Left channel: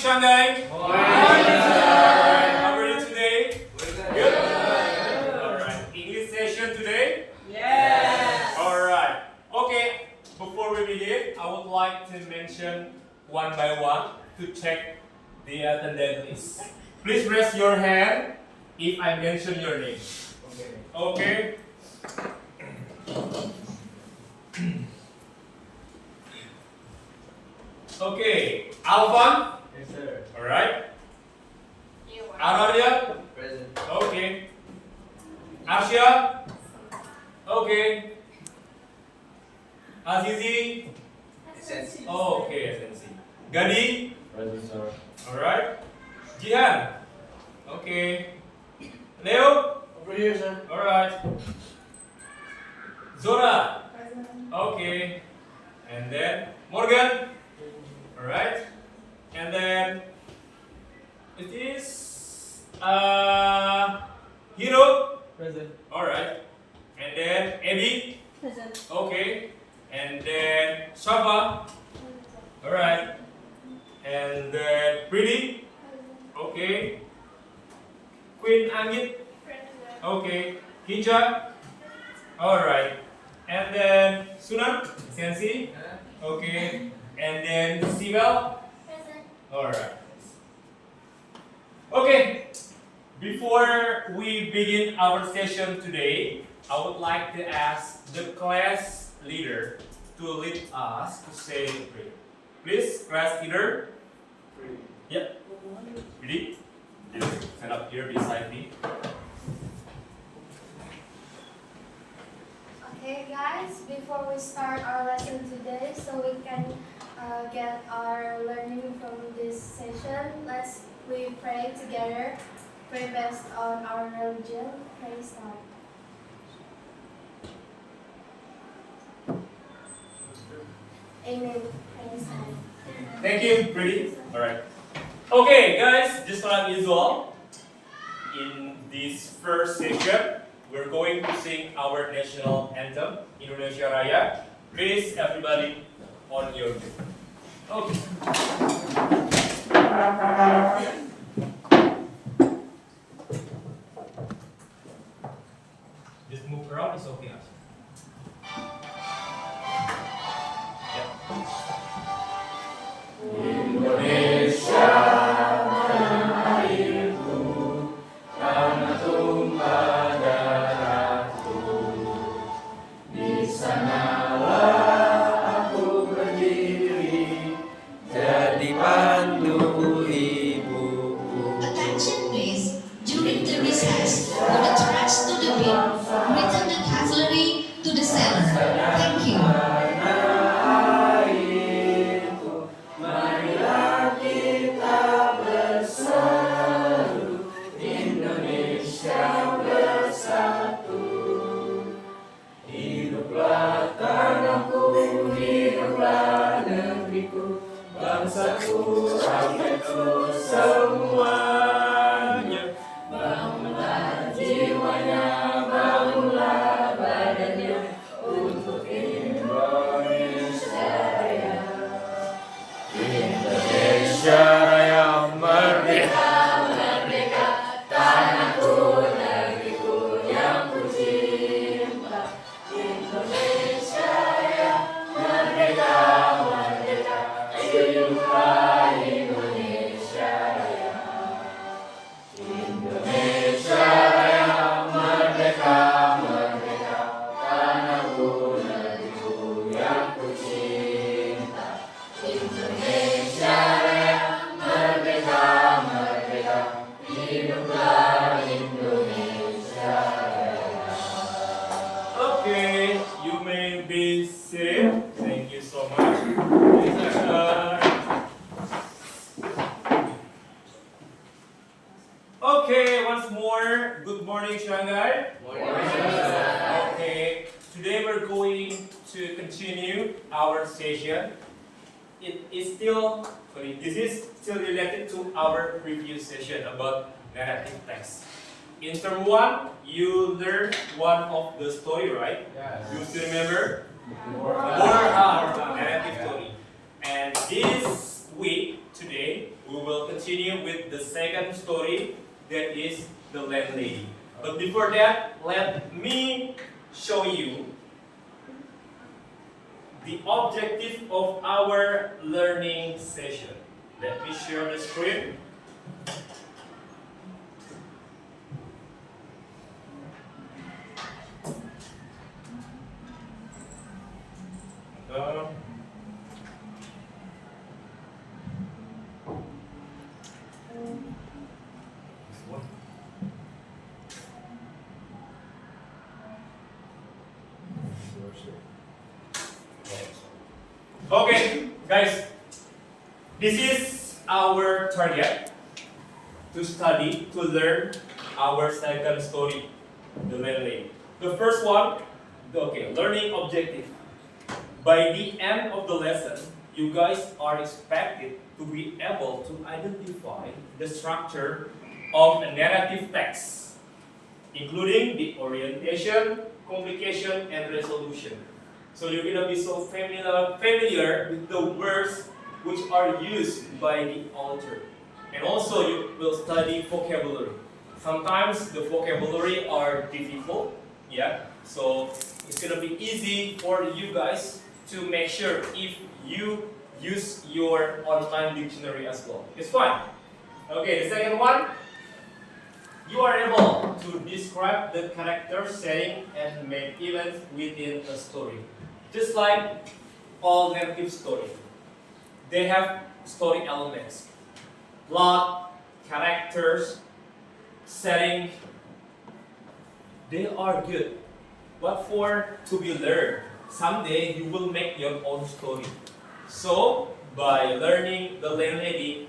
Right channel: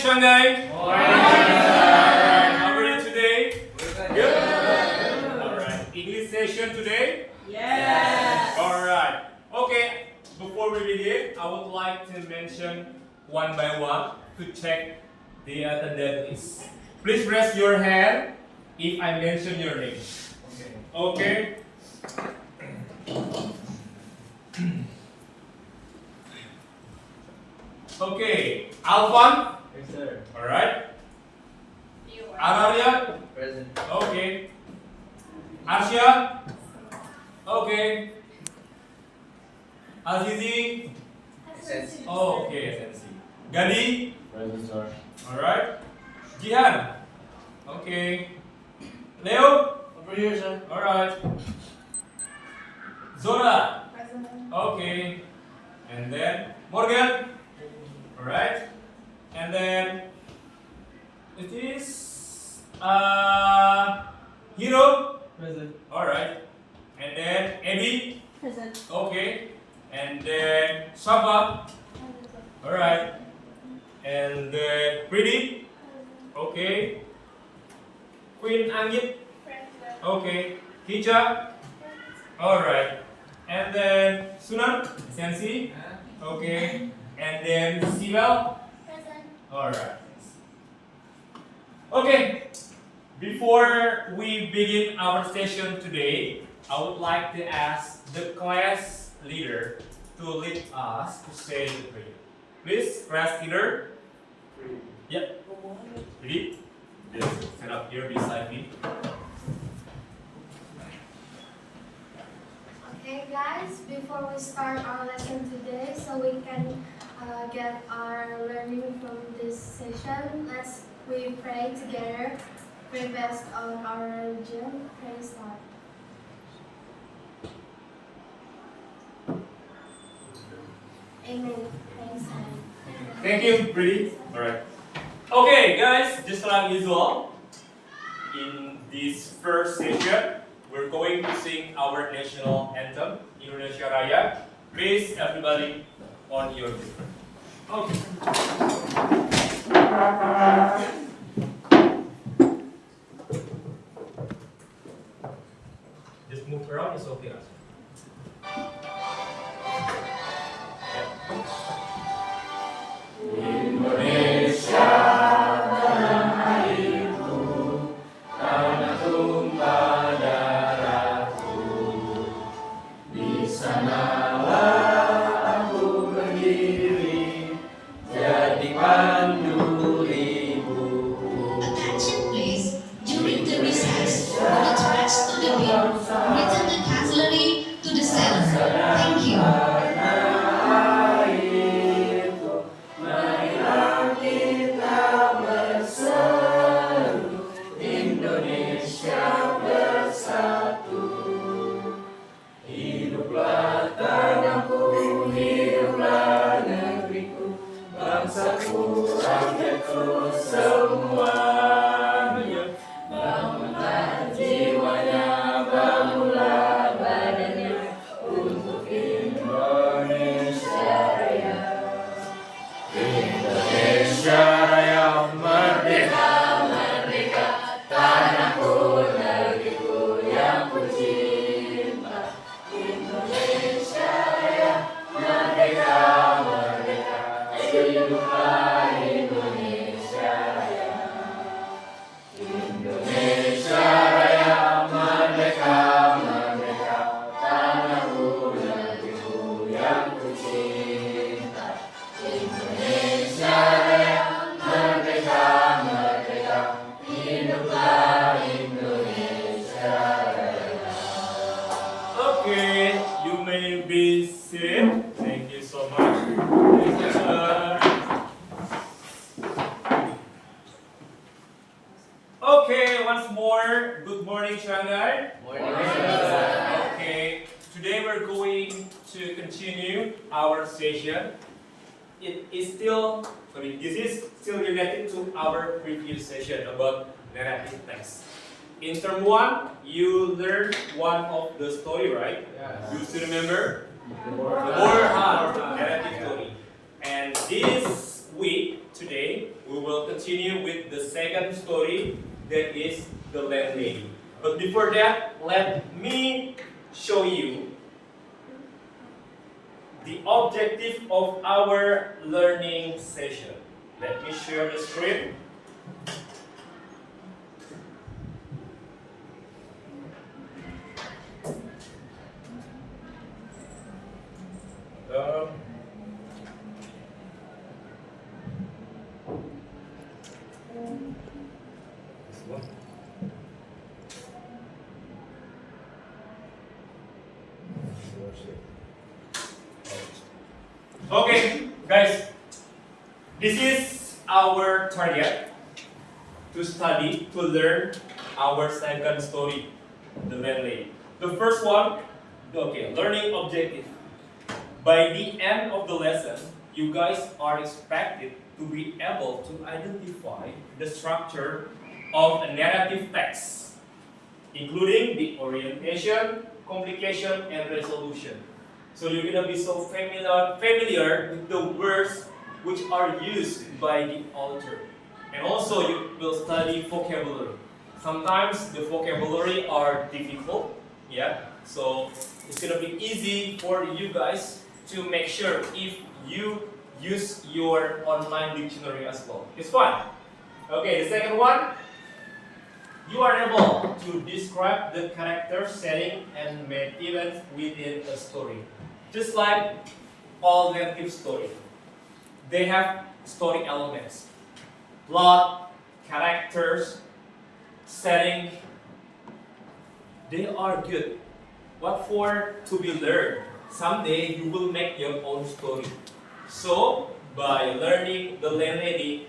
Shanghai. Alright, how are you today? Good? Alright, English session today? Yes. Alright, okay, before we begin, I would like to mention one by one to check the attendance list. Please raise your hand if I mention your name. Okay? Okay, Alvan. Yes, sir. Alright. You are. Aralia. Present. Okay. Arsya. Okay. Azizi. SNC. Oh, okay, SNC. Gadi. Present, sir. Alright. Jihan. Okay. Leo. Over here, sir. Alright. Zora. Present. Okay. And then Morgan. Alright. And then it is Hero. Present. Alright. And then Eddie. Present. Okay. And then Shava. Alright. And then Pretty. Okay. Queen Angit. Okay. Kija. Alright. And then Sunan. Sensi. Okay. And then Sibel. Alright. Okay. Before we begin our session today, I would like to ask the class leader to lead us to say the prayer. Please, class leader. Yep. Ready? Yes. Stand up here beside me. Okay guys, before we start our lesson today, so we can get our learning from this session, we pray together, pray based on our religion. Pray start. Amen. Praise God. Thank you, Pretty. Alright. Okay, guys, just like usual, in this first session, we're going to sing our national anthem, Indonesia Raya. Please, everybody, on your feet. Okay. Just move around, it's okay. Attention please. During the recess, put the tracks to the bin. Return the cutlery to the cellar. Thank you. Okay, you may be seated. Thank you so much. Okay, once more, good morning, Shanghai. Okay, today we're going to continue our session. This is still related to our previous session about narrative text. In term 1, you learned one of the story, right? You still remember? The More narrative story. And this week, today, we will continue with the second story, that is the landlady. But before that, let me show you the objective of our learning session. Let me share the screen. Um, this one. Okay, guys, this is our target to study, to learn our second story, the landlady. The first one, okay, learning objective. By the end of the lesson, you guys are expected to be able to identify the structure of a narrative text, including the orientation, complication, and resolution. So you're gonna be so familiar with the words which are used by the author. And also you will study vocabulary. Sometimes the vocabulary are difficult, yeah. So it's gonna be easy for you guys to make sure if you use your online dictionary as well. It's fun. Okay, the second one, you are able to describe the character, setting, and main events within a story. Just like all narrative stories, they have story elements, plot, characters, setting. They are good. What for? To be learned. Someday you will make your own story. So by learning the landlady,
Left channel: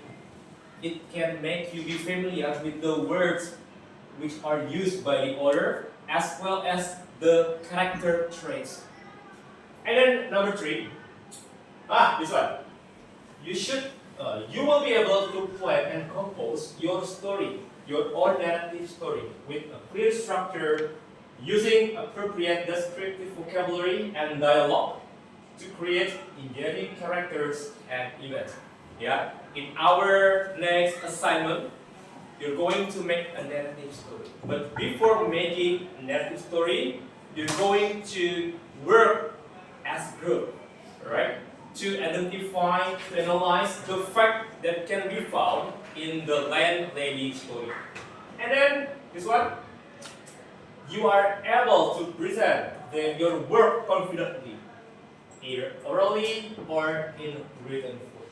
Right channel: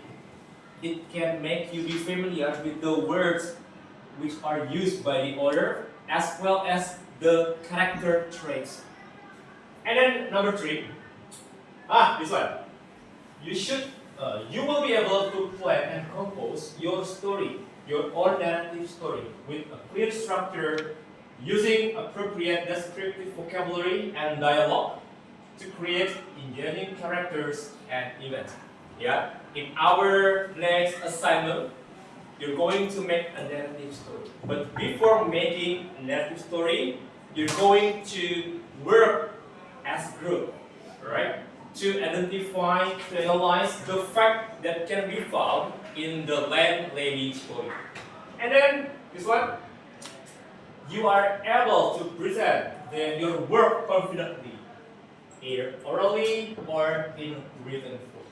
it can make you be familiar with the words which are used by the author as well as the character traits. And then number 3, this one. You will be able to plan and compose your story, your own narrative story, with a clear structure, using appropriate descriptive vocabulary and dialogue to create engaging characters and events. Yeah. In our next assignment, you're going to make a narrative story. But before making a narrative story, you're going to work as a group, right? To identify, to analyze the fact that can be found in the landlady story. And then, guess what? You are able to present your work confidently, either orally or in written form.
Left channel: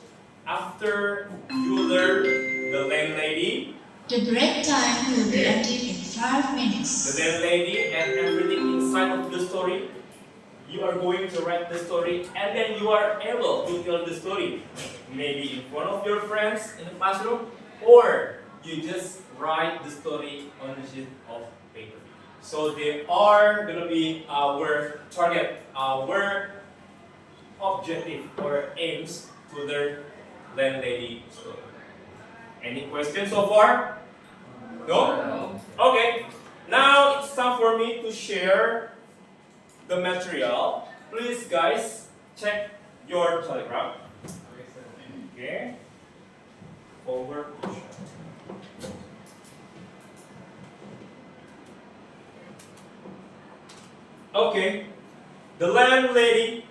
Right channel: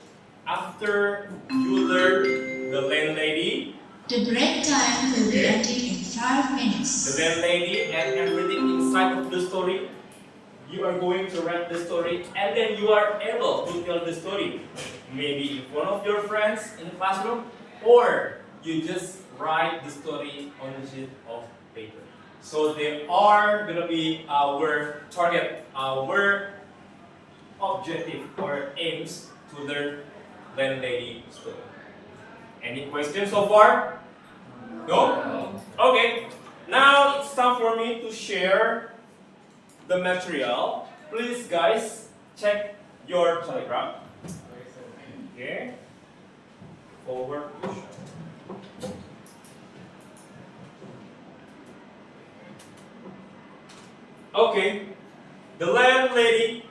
After you learn the landlady, The break time will be ending in 5 minutes. the landlady and everything inside of the story, you are going to write the story and then you are able to tell the story. Maybe in front of your friends in the classroom, or you just write the story on a sheet of paper. So they are going to be our target, our objective or aims to learn landlady story. Any questions so far? No? Okay. Now it's time for me to share the material. Please guys, check your telegram. Okay. Forward push. Okay. The landlady.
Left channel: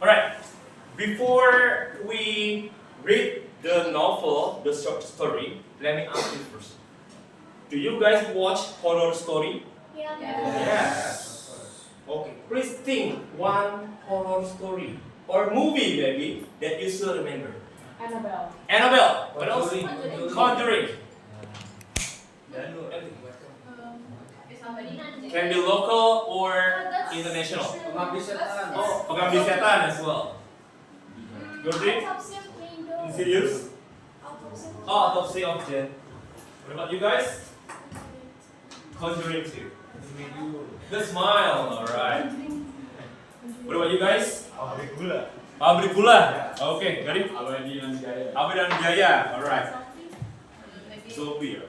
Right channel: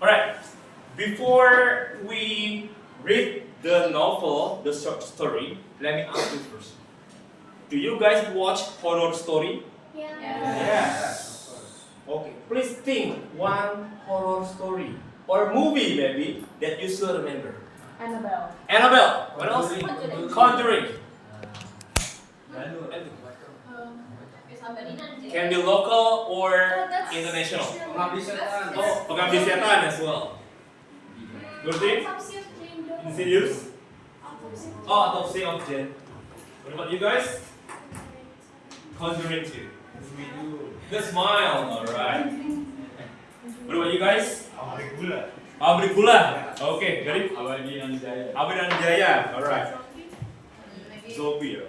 Alright. Before we read the novel, the short story, let me ask you first. Do you guys watch horror story? Yeah. Yes. Okay. Please think one horror story or movie maybe that you still remember. Annabelle. Annabelle. What else? Conjuring. Conjuring. Can be local or international. Pengabdi setan. Oh, Pengabdi Setan as well. Ngerti? Insidious? Oh, Autopsy of Jane. What about you guys? Conjuring 2. The Smile. Alright. What about you guys? Pabrik gula. Pabrik Gula. Okay, ready? Abadi dan Jaya. Abdi dan Jaya. Alright. Zombie.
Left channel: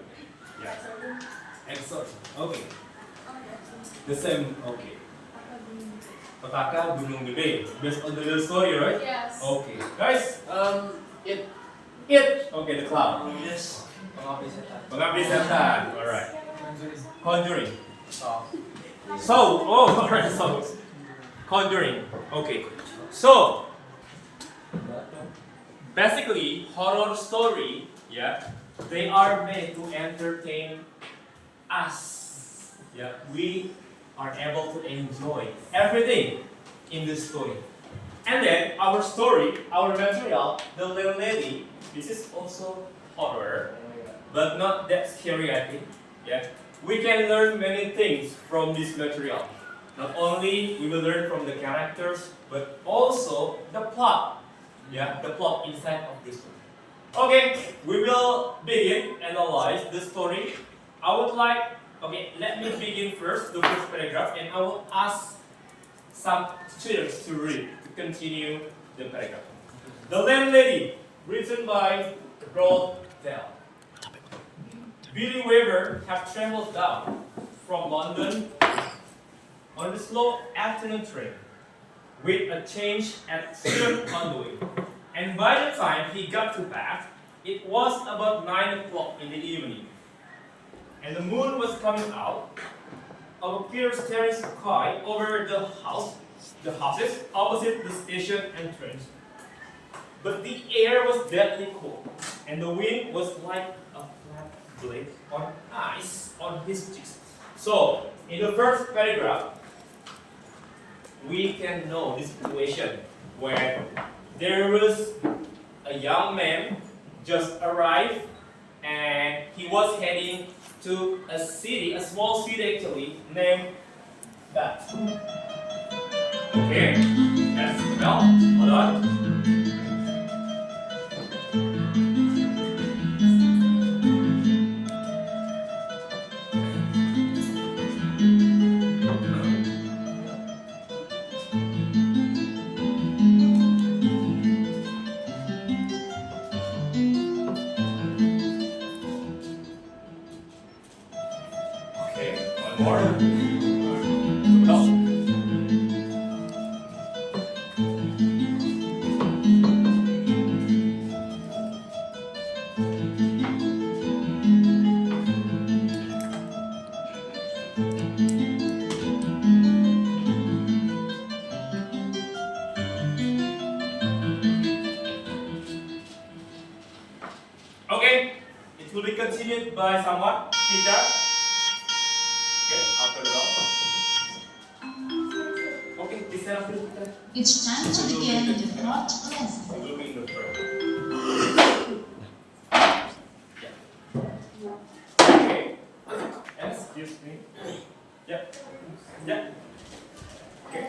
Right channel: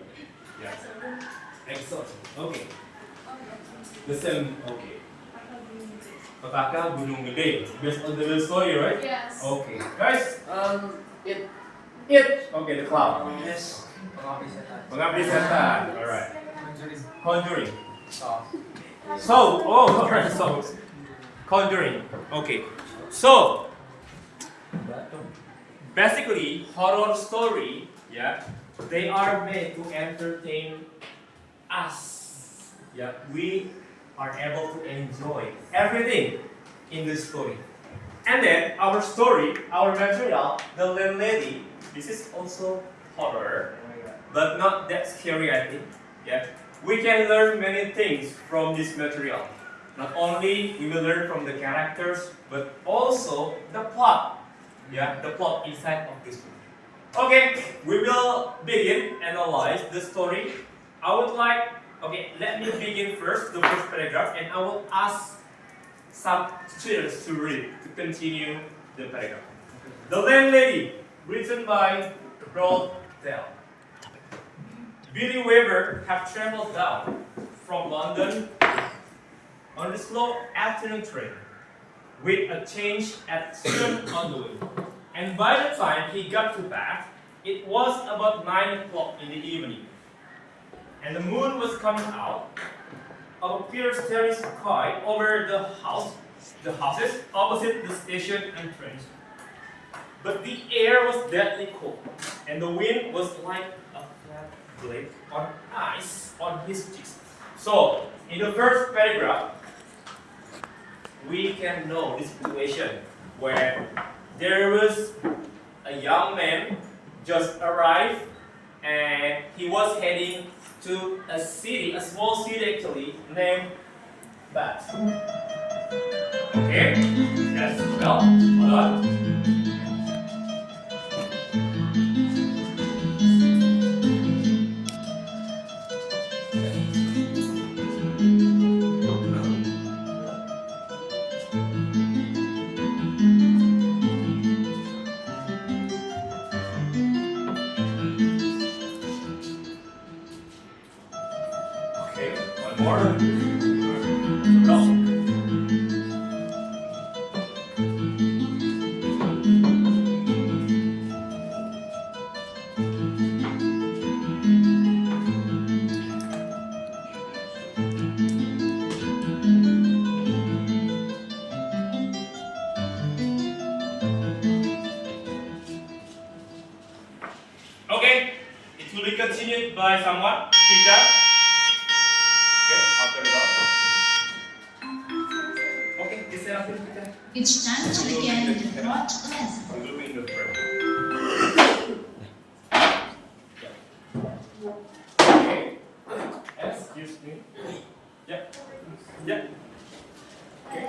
Yeah. Exorcism. Okay. The same. Okay. Petaka Gunung Gede. Based on the story, right? Yes. Okay, guys. It. It. Okay, the cloud. Yes. Pengabdi setan. Pengabdi setan. Alright. Conjuring. So. Alright, so. Conjuring. Okay. So, basically, horror story, yeah, they are made to entertain us. Yeah, we are able to enjoy everything in this story. And then our story, our material, the landlady, this is also horror, but not that scary, I think. Yeah, we can learn many things from this material. Not only we will learn from the characters, but also the plot. Yeah, the plot inside of this book. Okay, we will begin analyze the story. I would like, okay, let me begin first the first paragraph, and I will ask some students to read to continue the paragraph. The Landlady, written by Roald Dahl. Billy Weaver had traveled down from London on the slow afternoon train, with a change at Sutton on the way. And by the time he got to Bath, it was about 9 o'clock in the evening. And the moon was coming out of a clear starry sky over the houses opposite the station entrance. But the air was deadly cold, and the wind was like a flat blade on ice on his cheeks. So, in the first paragraph, we can know the situation where there was a young man just arrived and he was heading to a city, a small city actually, named Bath. Okay? Yes, well, hold on. Okay, one more. Well. Okay, it will be continued by someone. Kita. Okay, after the dog. Okay, this is after Kita. It's time to begin the thought lesson. We will be in the frame. Okay. Excuse me. Yeah. Yeah. Okay.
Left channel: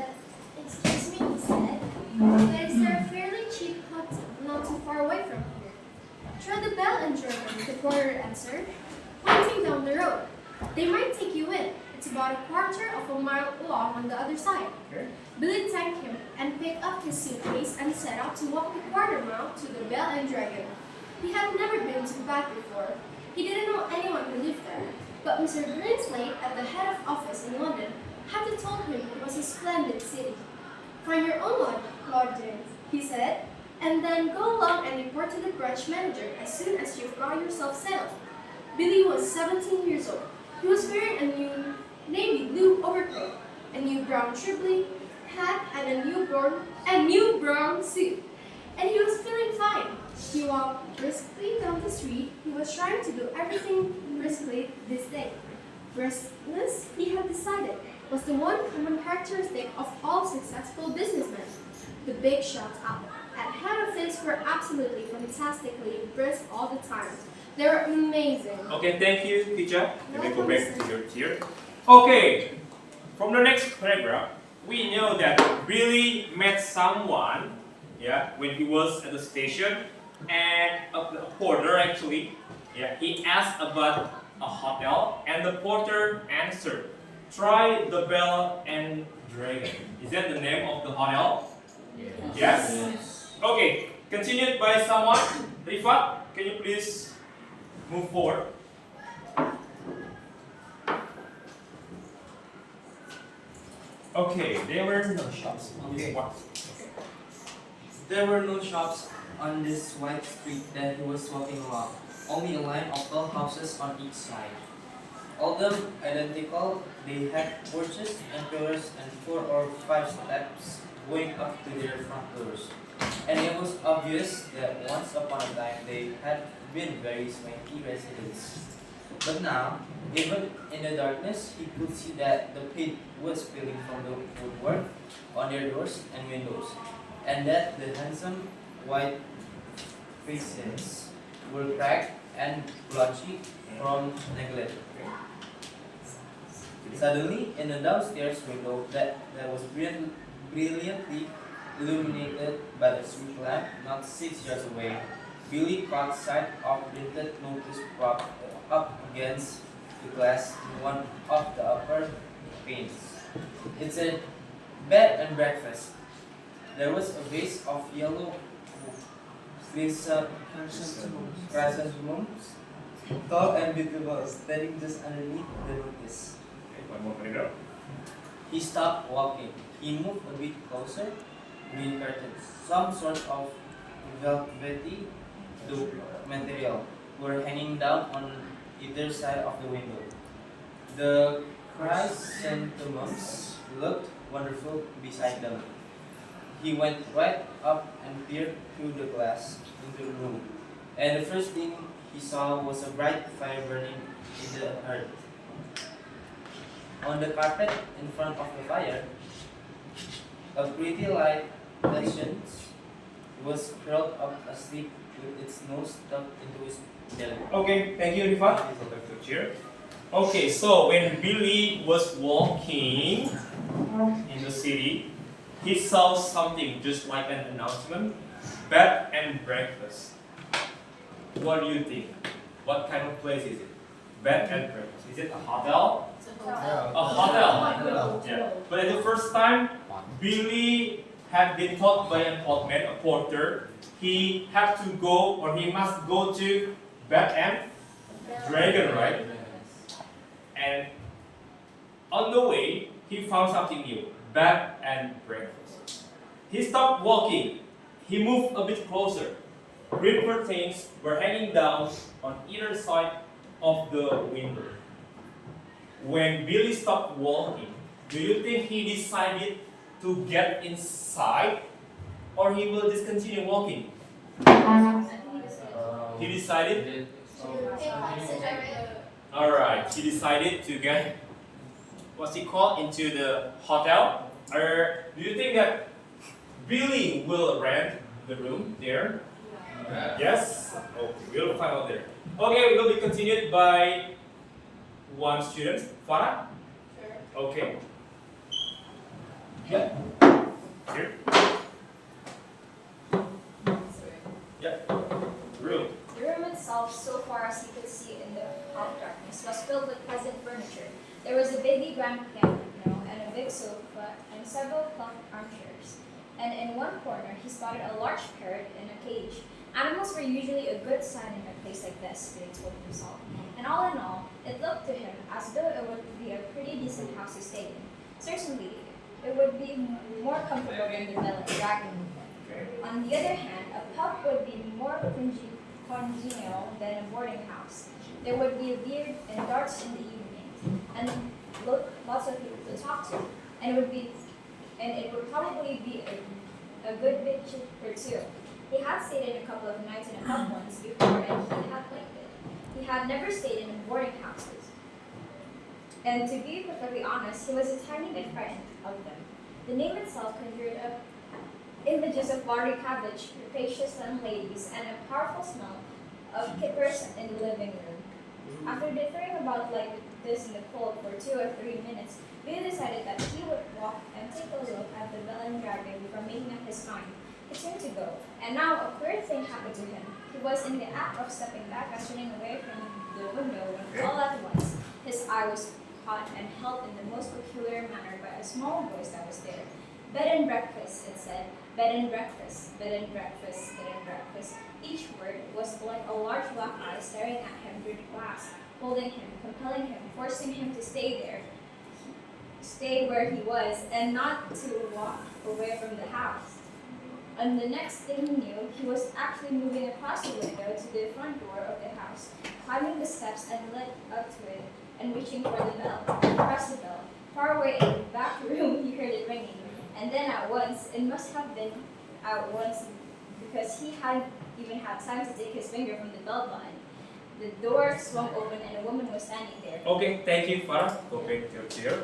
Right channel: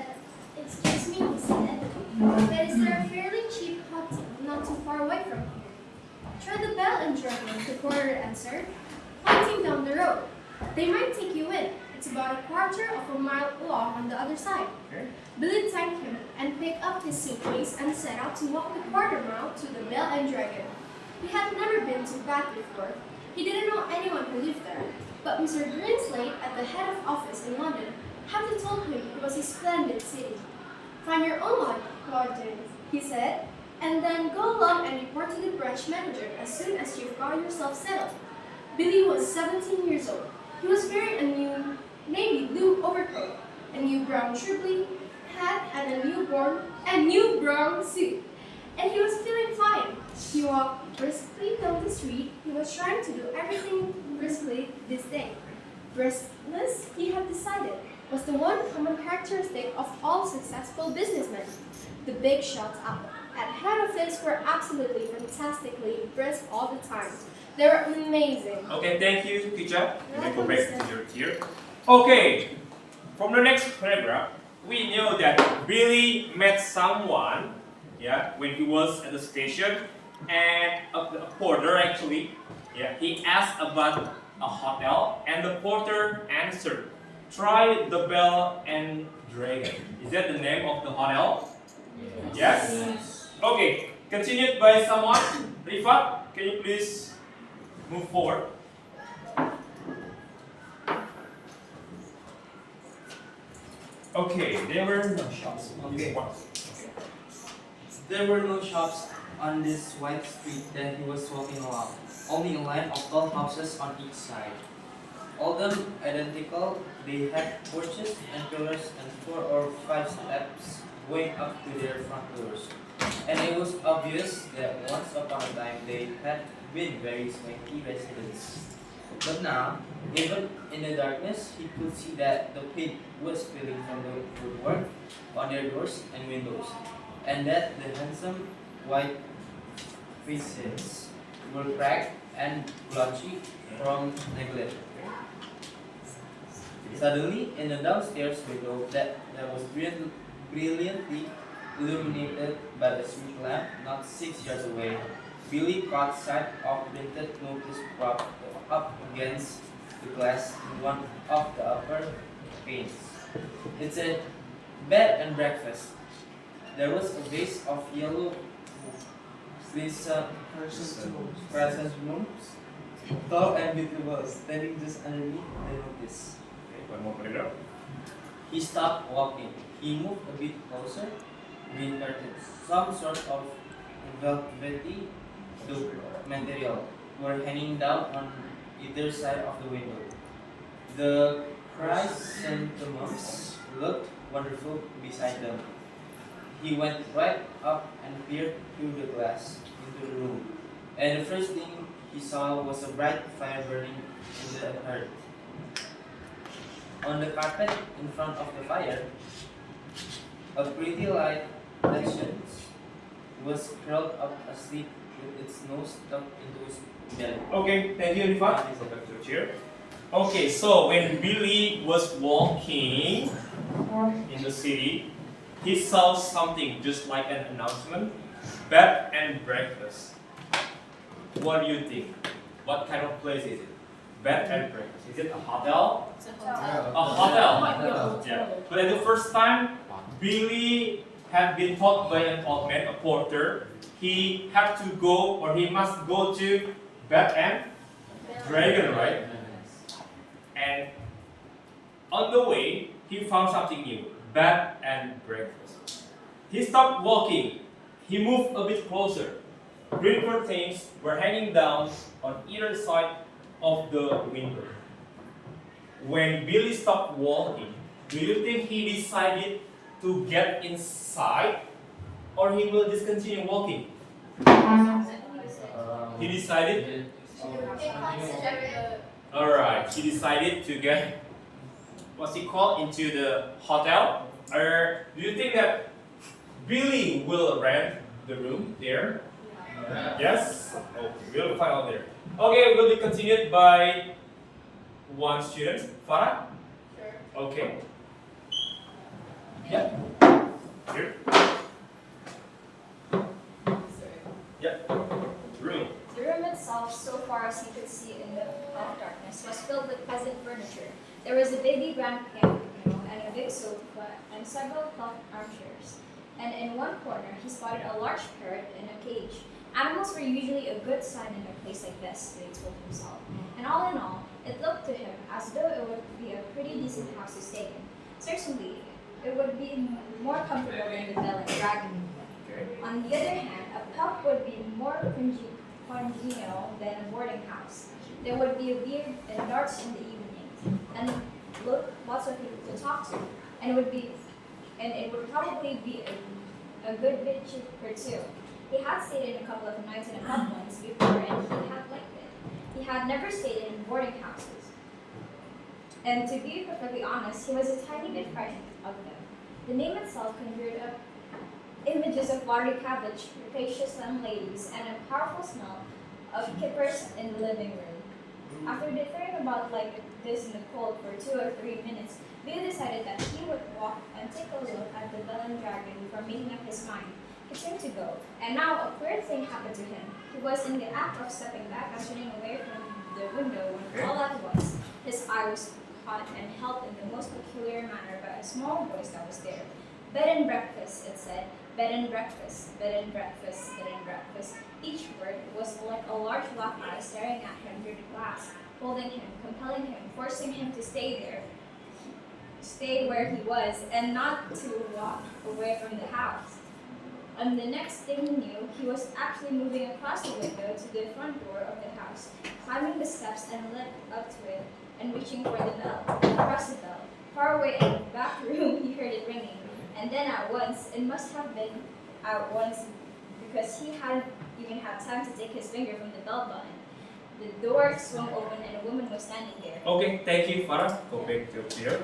Excuse me, he said. But is there a fairly cheap hotel not too far away from here? Try the Bell and German, the porter answered, pointing down the road. They might take you in. It's about a quarter of a mile long on the other side. Okay. Billy thanked him and picked up his suitcase and set out to walk the quarter mile to the Bell and Dragon. He had never been to Bath before. He didn't know anyone who lived there. But Mr. Grinslade at the head of office in London had told him it was a splendid city. Find your own lodgings, he said, and then go along and report to the branch manager as soon as you've got yourself settled. Billy was 17 years old. He was wearing a new navy blue overcoat, a new brown Tripoli hat, and a new brown suit. And he was feeling fine. He walked briskly down the street. He was trying to do everything briskly this day. Briskness, he had decided, was the one common characteristic of all successful businessmen. The big shots up at head office were absolutely fantastically brisk all the time. They were amazing. Okay, thank you, teacher. You may go Welcome, back sir. to your chair. Okay, from the next paragraph, we know that Billy met someone, yeah, when he was at the station, and a porter actually, yeah, he asked about a hotel, and the porter answered, "Try the Bell and Dragon." Is that the name of the hotel? Yes. Okay, continued by someone. Rifat, can you please move forward? Okay, there were no shops on this Okay. one. There were no shops on this wide street that he was walking along, only a line of tall houses on each side. All of them identical, they had porches and pillars and 4 or 5 steps going up to their front doors. And it was obvious that once upon a time they had been very swanky residents. But now, even in the darkness, he could see that the paint was peeling from the woodwork on their doors and windows, and that the handsome white faces were cracked and blotchy from neglect. Suddenly, in the downstairs window that was brilliantly illuminated by a street lamp not 6 yards away, Billy caught sight of printed notice propped up against the glass in one of the upper panes. It said, "Bed and breakfast." There was a vase of yellow chrysanthemums, tall and beautiful, standing just underneath the notice. Okay, one more later. He stopped walking. He moved a bit closer. Green curtains, some sort of velvety material, were hanging down on either side of the window. The chrysanthemums looked wonderful beside them. He went right up and peered through the glass into the room, and the first thing he saw was a bright fire burning in the hearth. On the carpet in front of the fire, a pretty light Patience was curled up asleep with its nose stuck into his belly. Okay, thank you, Rifat. Please go back to the chair. Okay, so when Billy was walking in the city, he saw something just like an announcement, bed and breakfast. What do you think? What kind of place is it? Bed and breakfast. Is it a hotel? A hotel. Yeah. But at the first time, Billy had been taught by an old man, a porter, he had to go or he must go to Bed and Dragon, right? And on the way, he found something new, bed and breakfast. He stopped walking. He moved a bit closer. Green curtains were hanging down on either side of the window. When Billy stopped walking, do you think he decided to get inside or he will just continue walking? He decided? Alright, he decided to get, what's he called, into the hotel? Or do you think that Billy will rent the room there? Yes? Okay, we'll find out there. Okay, we'll be continued by one student. Farah? Sure. Okay. Yeah. Here. Yeah. Room. The room itself, so far as he could see in the half darkness, was filled with pleasant furniture. There was a baby grand piano and a big sofa and several cloth armchairs. And in one corner, he spotted a large parrot in a cage. Animals were usually a good sign in a place like this, Billy told himself. And all in all, it looked to him as though it would be a pretty decent house to stay in. Certainly, it would be more comfortable than the Bell and Dragon. On the other hand, a pub would be more congenial than a boarding house. There would be a beer and darts in the evening, and lots of people to talk to, and it would probably be a good bit cheaper too. He had stayed in a couple of nights in a pub once before, and he had liked it. He had never stayed in boarding houses, and to be perfectly honest, he was a tiny bit frightened of them. The name itself conjured up images of watery cabbage, rapacious landladies, and a powerful smell of kippers in the living room. After dithering about like this in the cold for 2 or 3 minutes, Billy decided that he would walk and take a look at the Bell and Dragon before making up his mind. He turned to go, and now a queer thing happened to him. He was in the act of stepping back and turning away from the window when all at once his eye was caught and held in the most peculiar manner by a small voice that was there. Bed and breakfast, it said. Bed and breakfast, bed and breakfast, bed and breakfast. Each word was like a large black eye staring at him through the glass, holding him, compelling him, forcing him to stay there, stay where he was and not to walk away from the house. And the next thing he knew, he was actually moving across the window to the front door of the house, climbing the steps and led up to it, and reaching for the bell. He pressed the bell. Far away in the back room, he heard it ringing. And then at once, it must have been at once because he hadn't even had time to take his finger from the bell button. The door swung open and a woman was standing there. Okay, thank you, Farah. Go back to here.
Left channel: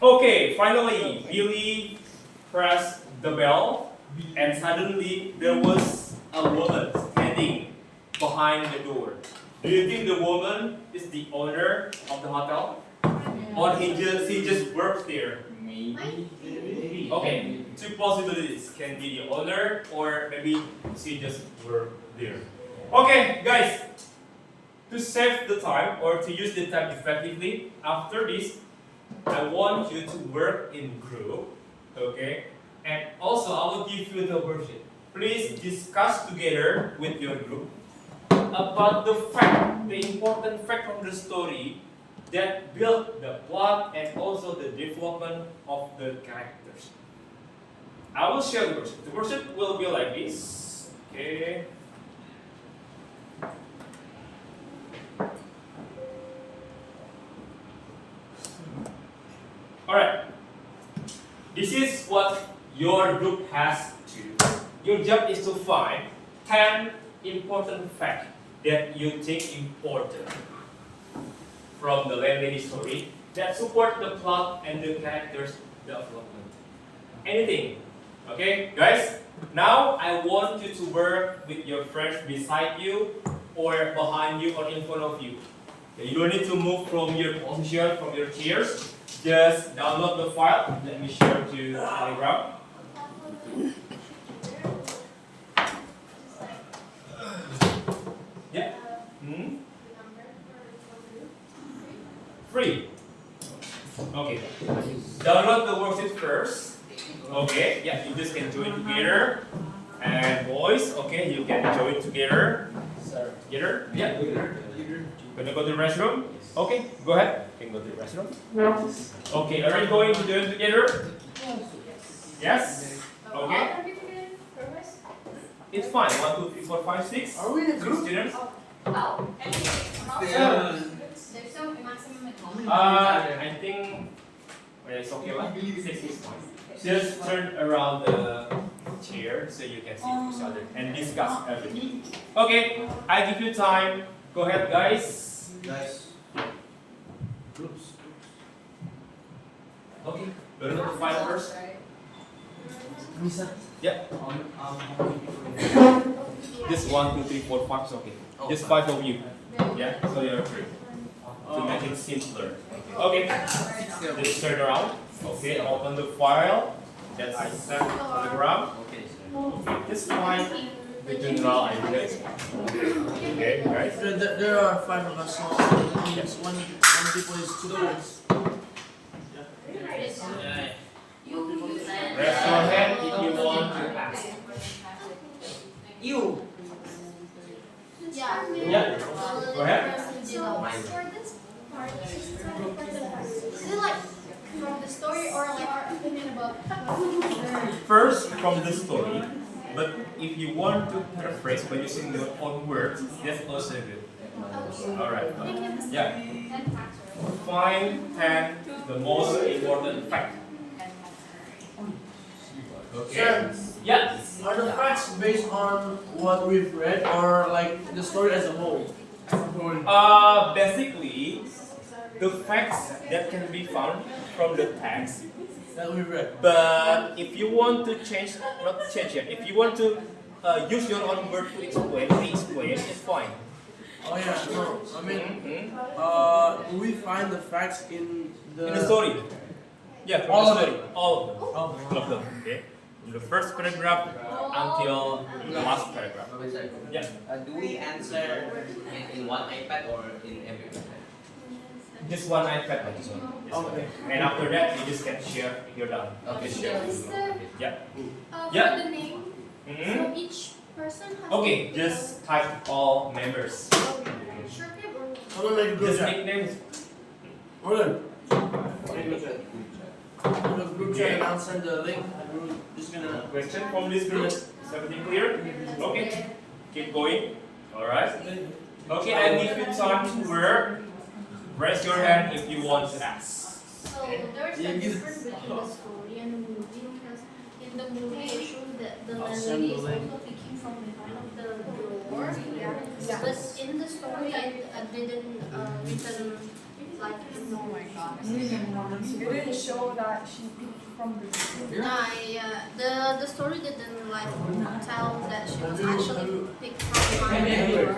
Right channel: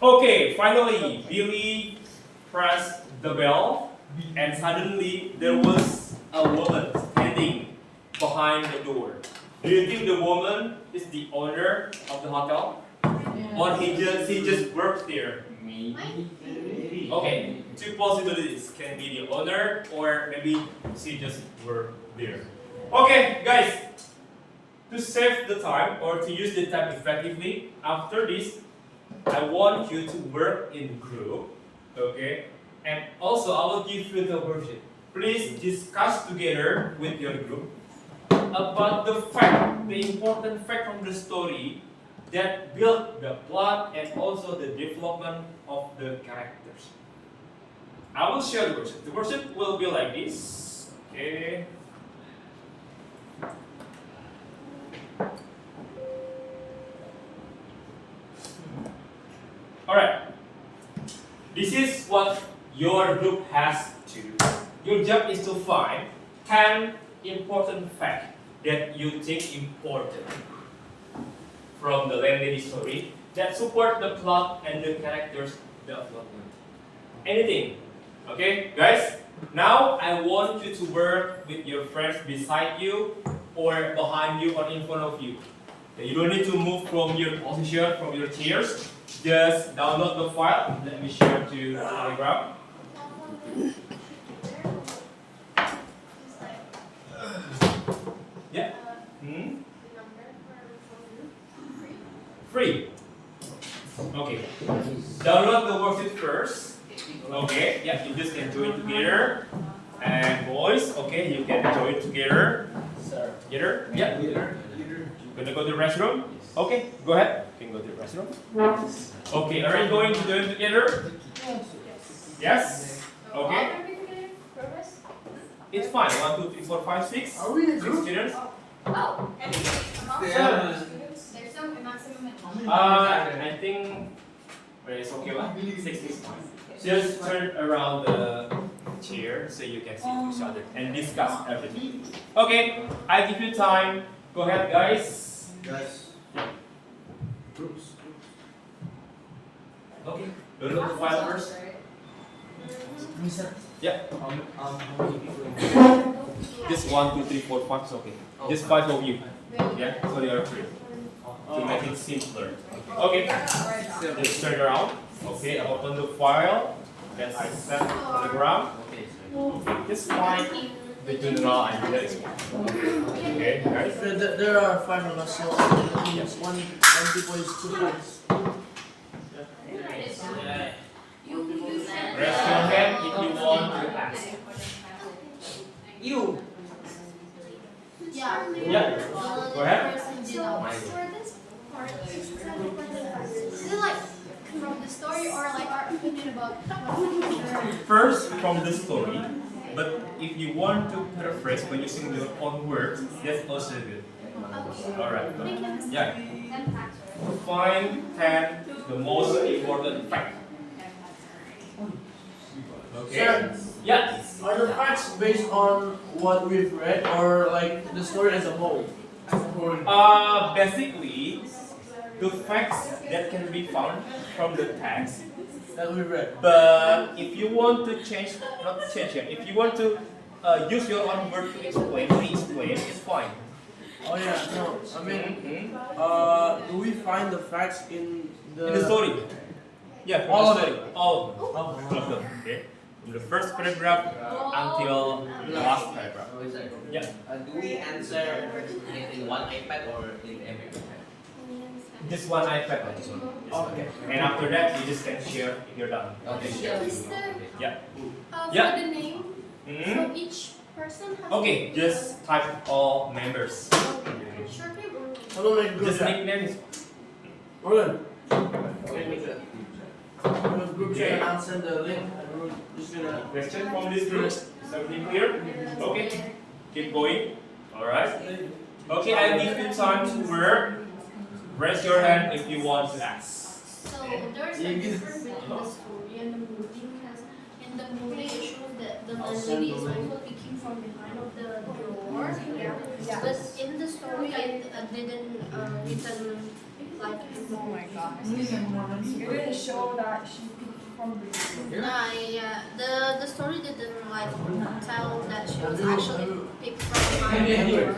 Okay, finally, Billy pressed the bell, and suddenly there was a woman standing behind the door. Do you think the woman is the owner of the hotel, or she just works there? Maybe. Okay, two possibilities. Can be the owner, or maybe she just works there. Okay, guys. To save the time or to use the time effectively, after this, I want you to work in group, okay? And also, I will give you the worksheet. Please discuss together with your group about the fact, the important fact from the story that built the plot and also the development of the characters. I will share the worksheet. The worksheet will be like this, okay? Alright, this is what your group has to do. Your job is to find 10 important facts that you think important from the landlady story that support the plot and the characters development. Anything, okay, guys? Now I want you to work with your friends beside you or behind you or in front of you. You don't need to move from your position, from your chairs. Just download the file. Let me share to Telegram. Yeah. Free. Okay. Download the worksheet first. Okay. Yeah, you just can join together. And boys, okay, you can join together. Together? Yeah. Gonna go to the restroom? Okay, go ahead. You can go to the restroom. Okay, are you going to join together? Yes? Okay. Are we together? Progress? It's fine. 1, 2, 3, 4, 5, 6. Are we in a 6 group? students. Oh, Yeah. there's no maximum. I think it's okay lah. 6 is fine. Just turn around the chair so you can see each other and discuss everything. Okay, I give you time. Go ahead, guys. Guys. Groups. Okay, go to the file first. Misa. Yeah, How many people? just 1, 2, 3, 4, 5 is okay. Just 5 of you. Yeah, so you are free. To make it simpler. Okay, just turn around. Okay, open the file that I sent on the ground. Okay, just find the general ideas. Okay, guys. There are 5 of us, so that means one people is 2 groups. Raise your hand if you want to ask. You. Yeah. Yeah, go ahead. So for this part, it's kind of important fact. Is it like from the story or like our opinion about what we learned? First from the story, but if you want to paraphrase by using your own words, that's also good. Alright. Yeah. Find 10 the most important fact. Okay. Sir, Yeah. are the facts based on what we've read or like the story as a whole? Basically, the facts that can be found from the text. That we've read. But if you want to change, not change it. If you want to use your own word to explain, re-explain, it's fine. Oh yeah, no. I mean, Mhm. do we find the facts in In the story. Yeah, from All the of story. All of them. Oh. All of them. Okay. From the first paragraph until the last paragraph. Yeah. Do we answer in one iPad or in every iPad? Just one iPad on this one. This one. Okay. And after that, you just can share if you're done. Okay. Share. Is there Yeah. for the name? Mhm. So each person has Okay. Just type all members. short name or Someone make a group Just chat. nicknames. Hold on. Group chat and I'll send the link. And we're just gonna. Question from this group? Is everything clear? Okay. Keep going. Alright. Okay, I give you time to work. Raise your hand if you want to ask. So there's a difference between the story and the movie because in the movie it shows that the lady is also peeking from behind of the door. Yeah. But in the story it didn't written like Oh my god. It didn't show that she peeked from the yeah, the story didn't like tell that she was actually picked from behind the door.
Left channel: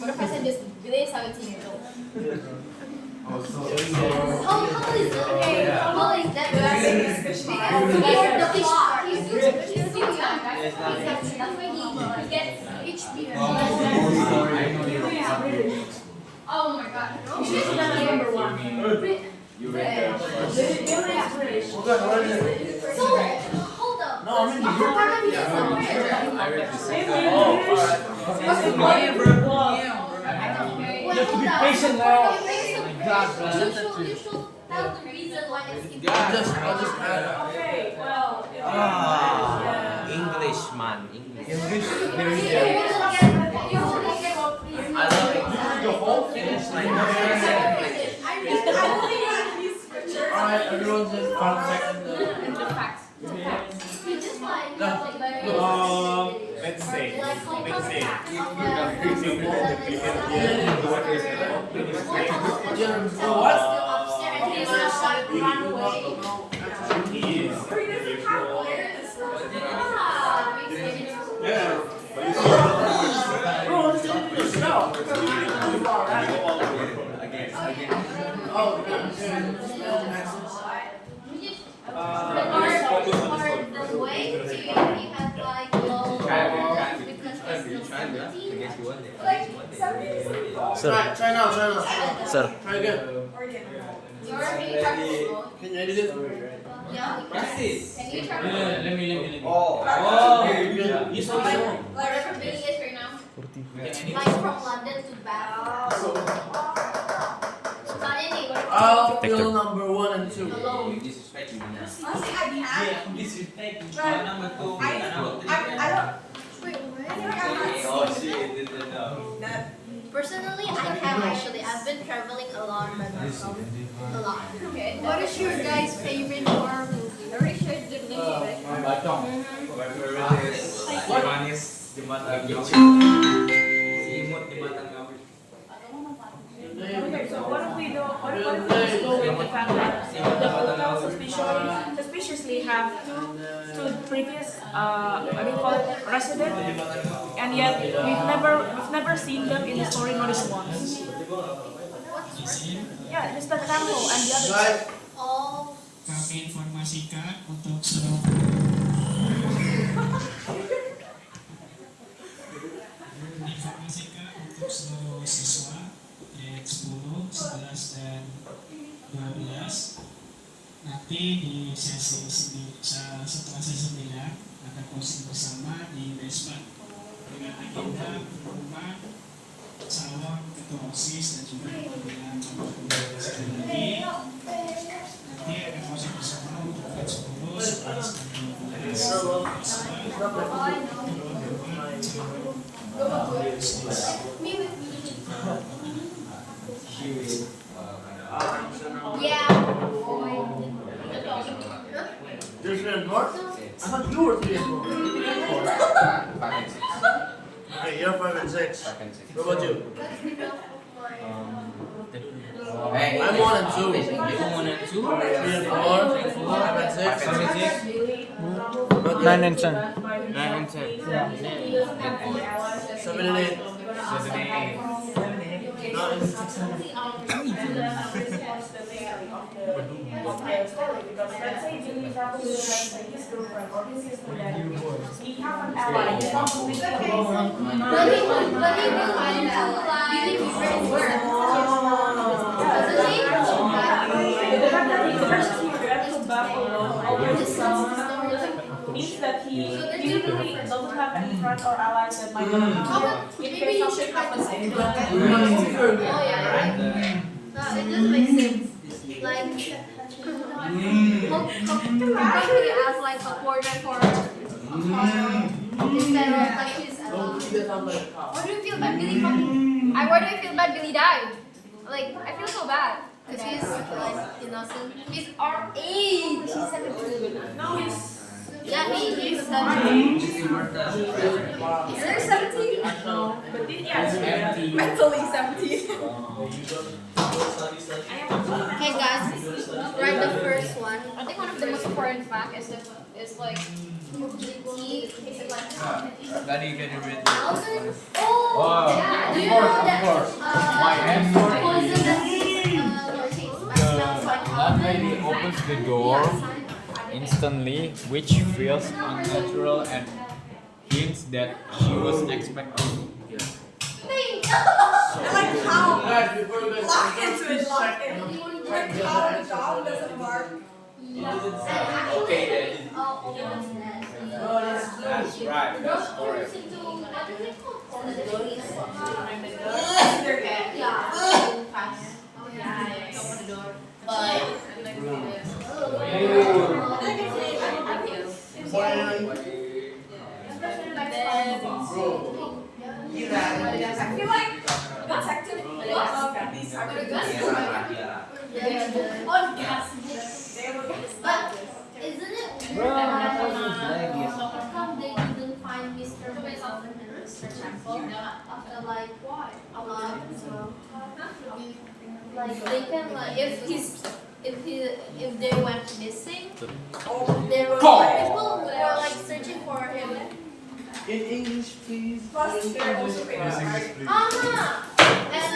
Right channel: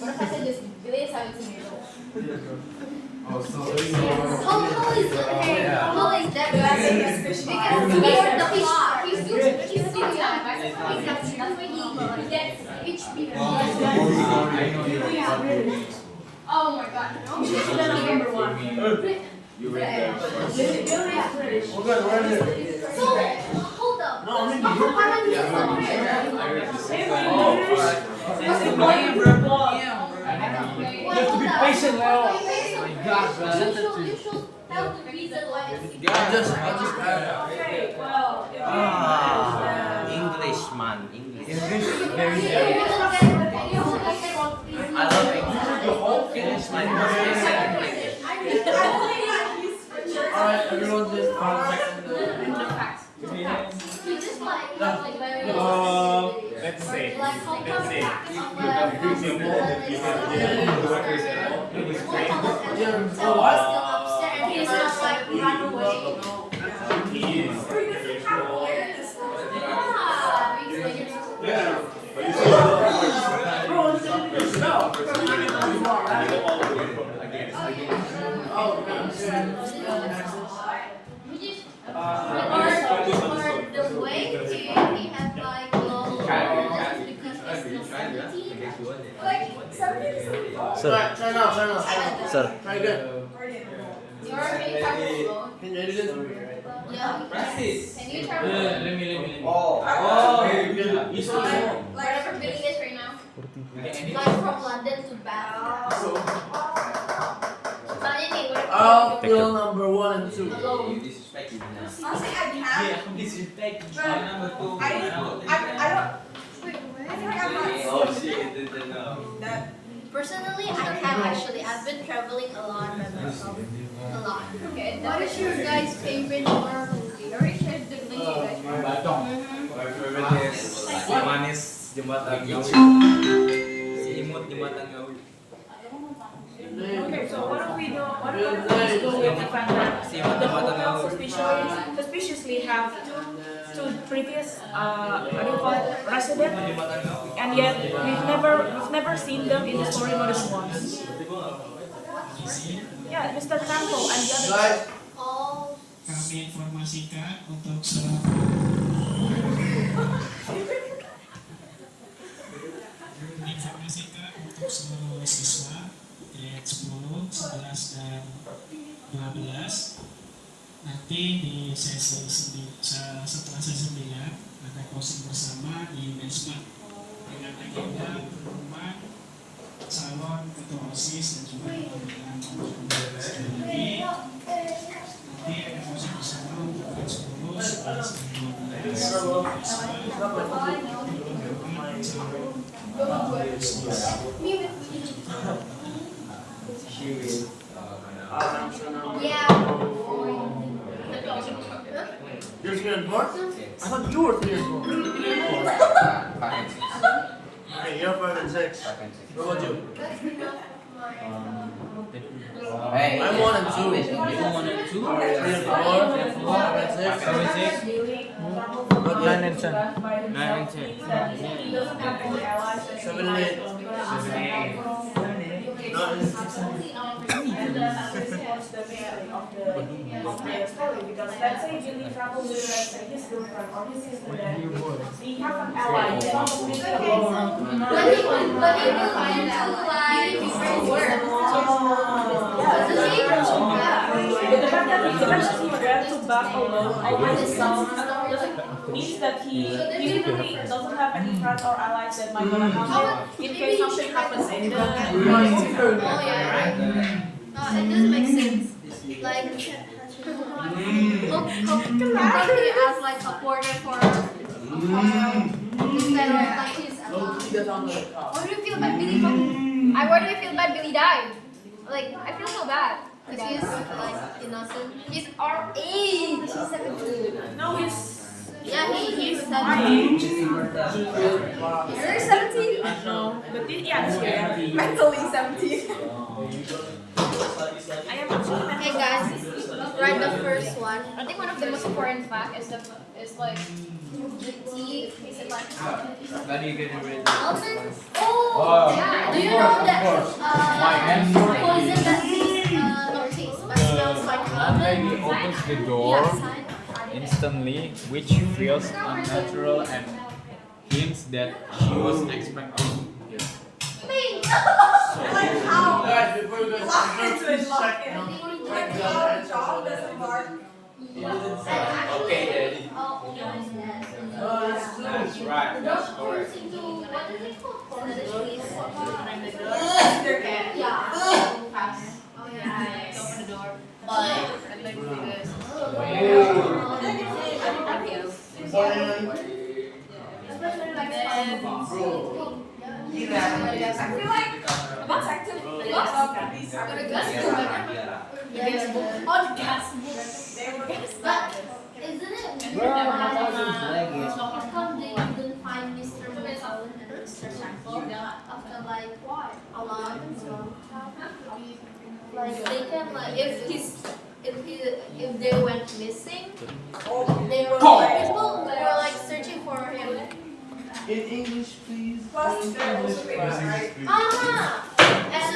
Professor just really 17 years old. Oh, how is that? Okay, how is that? Because you're the plot. You gets HP. Oh my god. No. She's the number one. You read the first. Okay, where is it? So, hold up. No, I mean, How come you just I read the second. What's the point? You have to be patient now. You should tell the reason why it's I'll just add. Englishman. English. I I love it. The whole thing is like Alright, everyone just contact Let's say. Sir. Try now. Sir. Try again. Can you edit it? Practice. Can you try Let me. Oh. You saw it. whatever video is right now? Like from London to Bath. I'll fill number 1 and 2. You disrespect me now. Honestly, I can't. Disrespect. But I don't. Wait, I think I'm not Oh seeing shit. that. Personally, I can actually. I've been traveling alone by myself a lot. Okay. What is your guys' favorite horror movie? Already shared the video. One is Jembatan Gawi. Imut Jembatan Gawi. Okay, so what do we do? What if we go with the fact that the hotel suspiciously have two previous what do you call it, resident, and yet we've never seen them in the story more than once. Yeah, just the temple and the other. Guys, All Kami informasikan untuk seluruh informasikan untuk seluruh siswa grade 10, 11 dan 12 nanti di sesi setelah sesi 9 ada closing bersama di basement dengan agenda pengumuman calon ketua OSIS dan juga pengambilan nomor sekali lagi. Nanti ada closing bersama untuk grade 10, 11 dan 12 yeah. you're student 4? I thought you were student 4. Okay, you're 5 and 6. What about you? I'm 1 and 2. 3 and 4, 5 and 6. 9 and 10. 9 and 10. 7 and 8. Because let's say Jimmy travels with his girlfriend or his sister, then we have an ally. It's not only the But he will find out like different words. But the fact that he first he went to Buffalo, I had this means that he usually doesn't have any friends or allies that might gonna help him in case something happens in the Oh yeah, right. It doesn't make sense. Like, how can you ask like a quarter for instead of like his What do you feel bad Billy fucking? Why do you feel bad Billy died? Like, I feel so bad. Because he's like innocent. He's our age. He's like a dude. No, he's Yeah, he's 17. You're 17? no, but yes, Mentally 17. Okay, guys, write the first one. I think one of the most important fact is like The T is it like How do you get rid of mountains? oh Wow. yeah. Do you know that? My answer Poison that smells like Landlady almond? opens the door Yeah. instantly, which feels unnatural and hints that she was expecting. Guys, before you guys Okay, That's right. That's correct. Open the door. But isn't it how come they didn't find Mr. Beethoven and Mr. Shackle after like a long like they can like if they went missing, there were people who were like searching for him. In English, please. And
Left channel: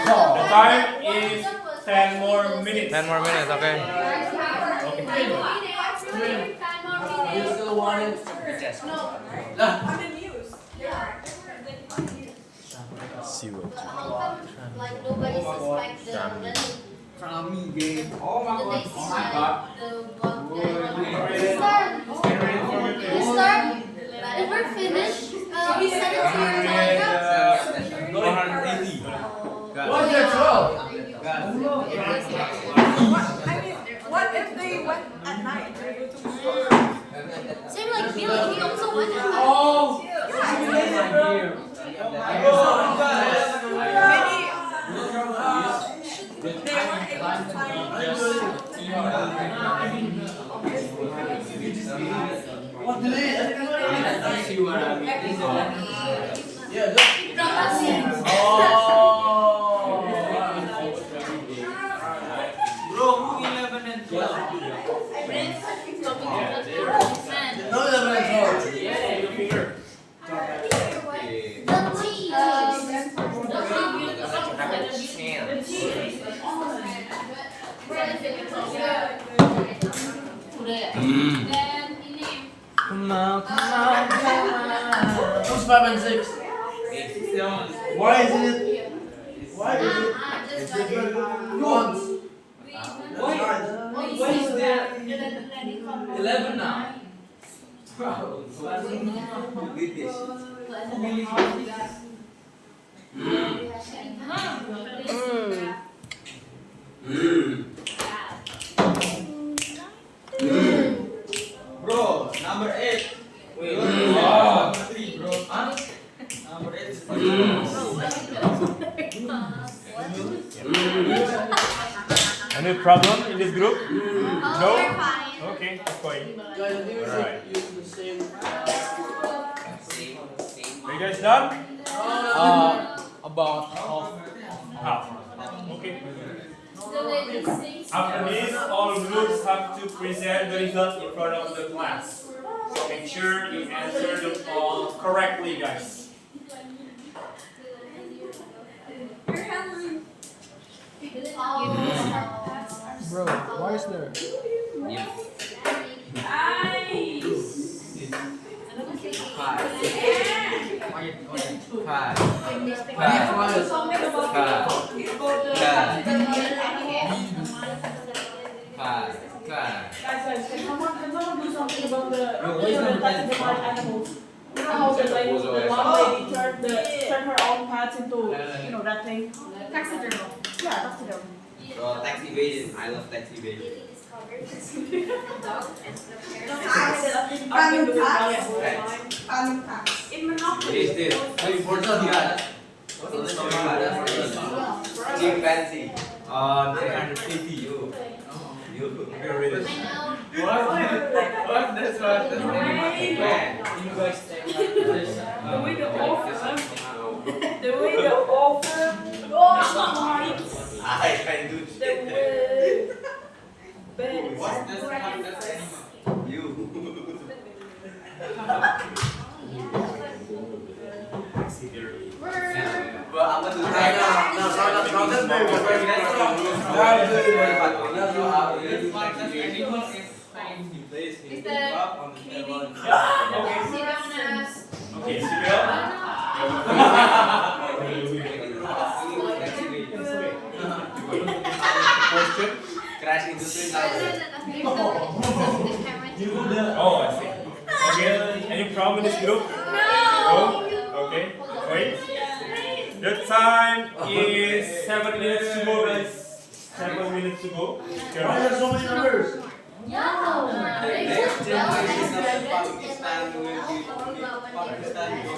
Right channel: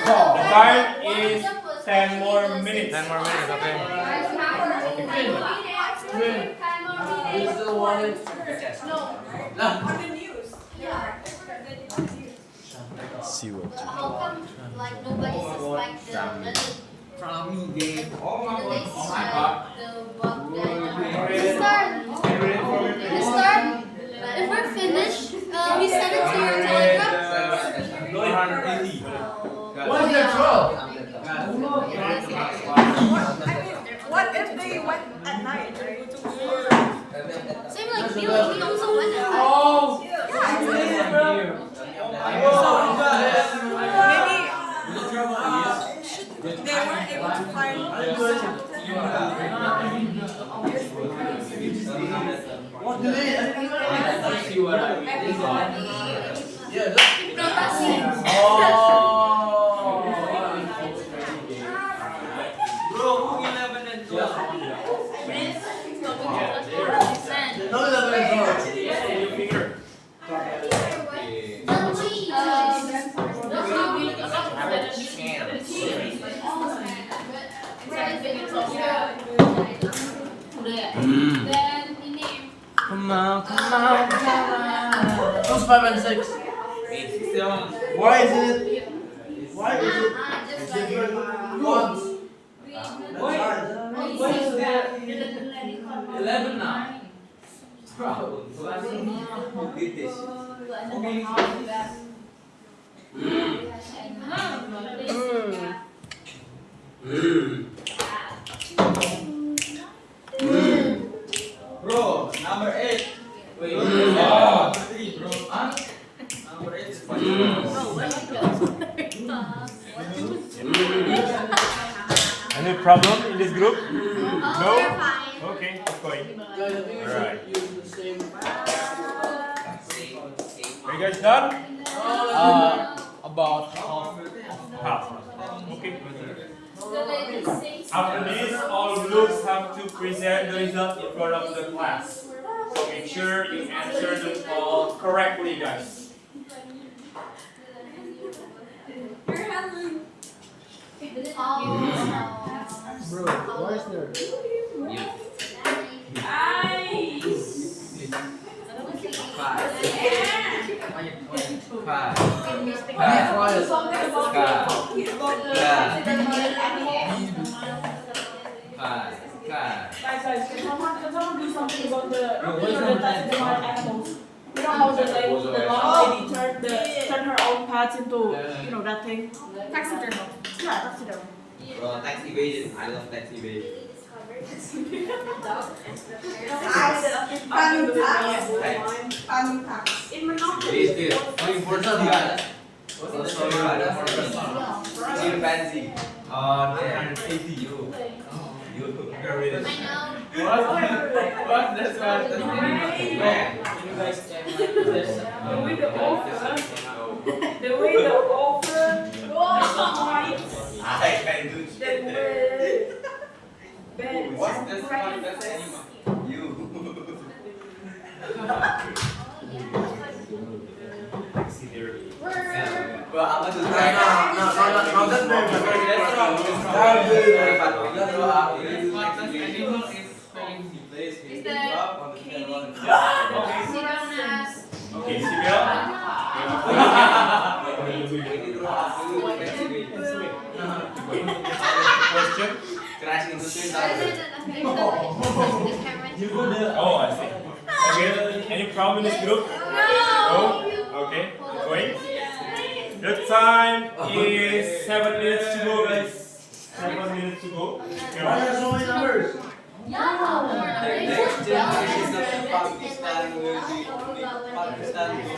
The time is 10 more minutes. 10 more minutes, okay? You still want it? See what? how come like nobody suspects them? Salami game. The next side, the bug guy. Mister, Mister, if we're finished, we send it to your telegram. What's your troll? what if they went at night? Same like he also went at night. Oh! Maybe they weren't able to find What do they? Yeah, no, Who's 5 and 6? Why is it? Why is it? It's different fonts. Why is there 11 now? Who did this? Bro, number 8. Wait, Number 3, bro. Huh? Number 8 is any problem in this group? Oh, No? we're fine. Okay, that's fine. Guys, I think we Alright. should use the same. Are you guys done? About half. Half. Okay. After this, all groups have to present the result in front of the class. So make sure you answer them all correctly, guys. Bro, why is there? Guys, can someone do something talking about the taxidermy animals. You know how the long lady turned her own pets into that thing. Taxidermy. Yeah, taxidermy. Bro, taxi evasion. I love taxi evasion. In Monopoly. This, this. Very important guy. Chimpanzee. 980 you. You. You're really. What? That's what. You guys The way the oven, the way the oven, I can do the shit. way bed. What's this one? That's animal. You. Well, I'm gonna do that. No, that's very good. That's wrong. That's wrong. This one, this animal is playing. He plays. He goes up on the table. Okay, Sibel. Question? Crash into twin Oh, I see. Okay, any problem in this group? No. Okay, wait. The time is 7 minutes to go, guys. 7 minutes to go. Why are there so many numbers? Next generation of Pakistan will be Pakistan will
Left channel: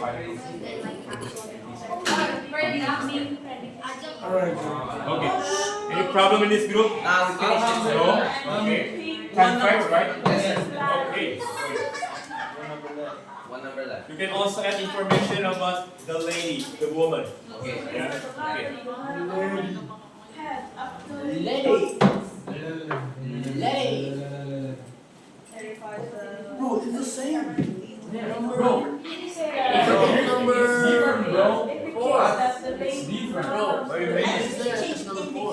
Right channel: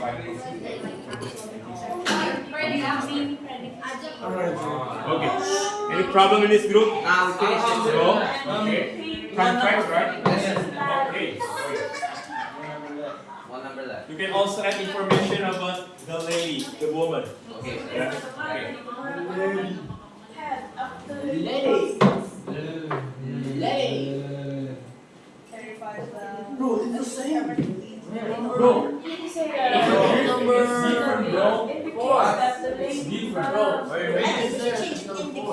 Alright. Okay. Any problem in this group? Now we finish it. No. Okay. Come facts, right? Okay. Wait. One number left. You can also add information about the lady, the woman. Okay. Yeah. Okay. Bro, it's the same. Bro, It's different, bro. It's different, bro.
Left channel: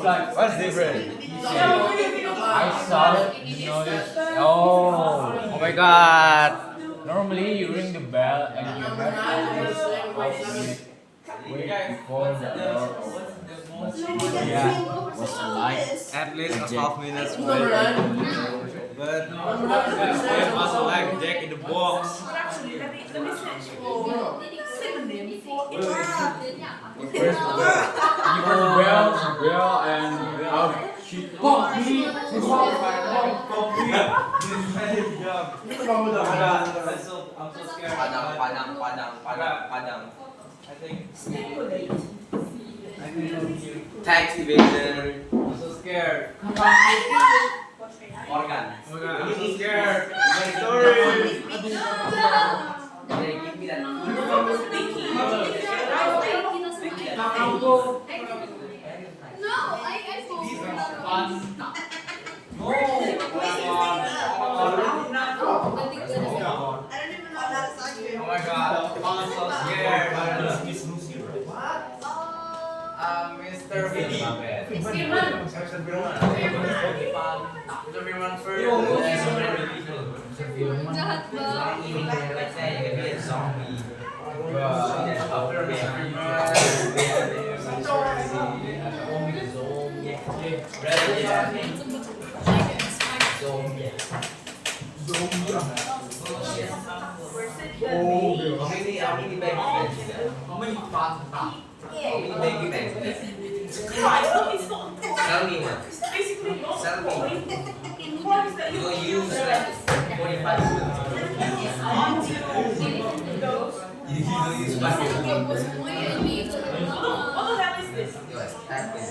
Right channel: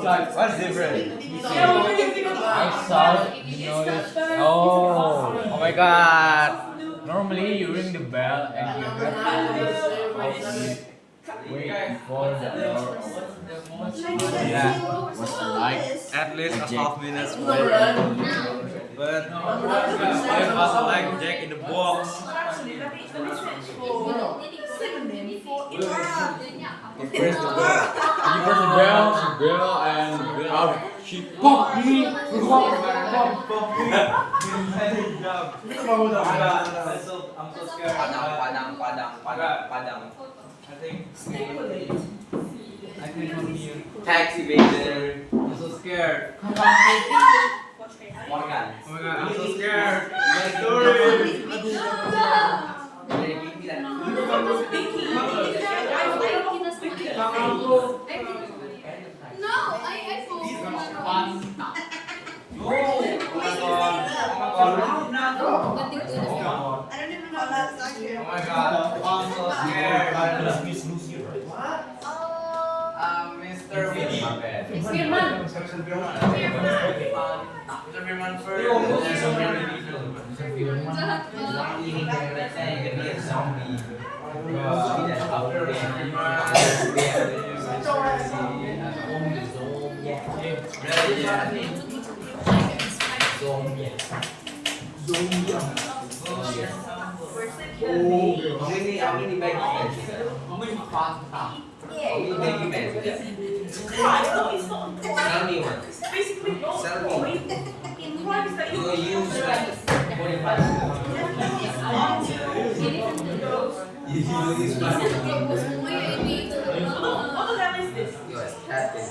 Like, what's different? I saw it, you noticed. Oh my god. Normally you ring the bell and you have to wait before the door opens. But yeah, was like At least a half minute wait before the door opens. But it was like Jack in the Box. Actually, let me synonym for You press the bell, and she popped me. I'm so scared. Padang. I think tax evasion. I'm so scared. Morgan. I'm so scared. My story. Give me Oh my god, I'm so scared. Mr. Firman. Mr. Firman first. Mr. Firman. Let's say you can be a zombie. After Mr. How many baggy bags? How many baggy bags? Tell me one. Tell me. You will use like 45 You will use plastic. What the hell is this? Yes, happen.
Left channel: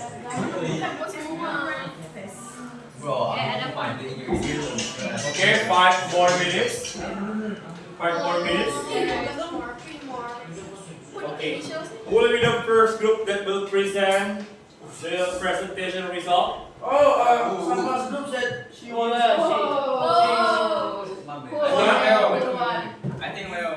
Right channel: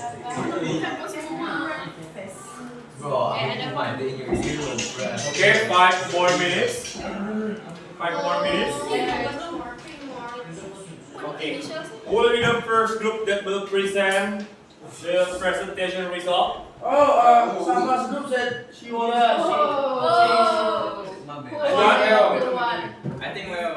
Bro, I'm fine in your earlobes, bro. Okay, 5 more minutes. 5 more minutes. Okay. Who will be the first group that will present the presentation result? Someone's group said she wanna. I think we're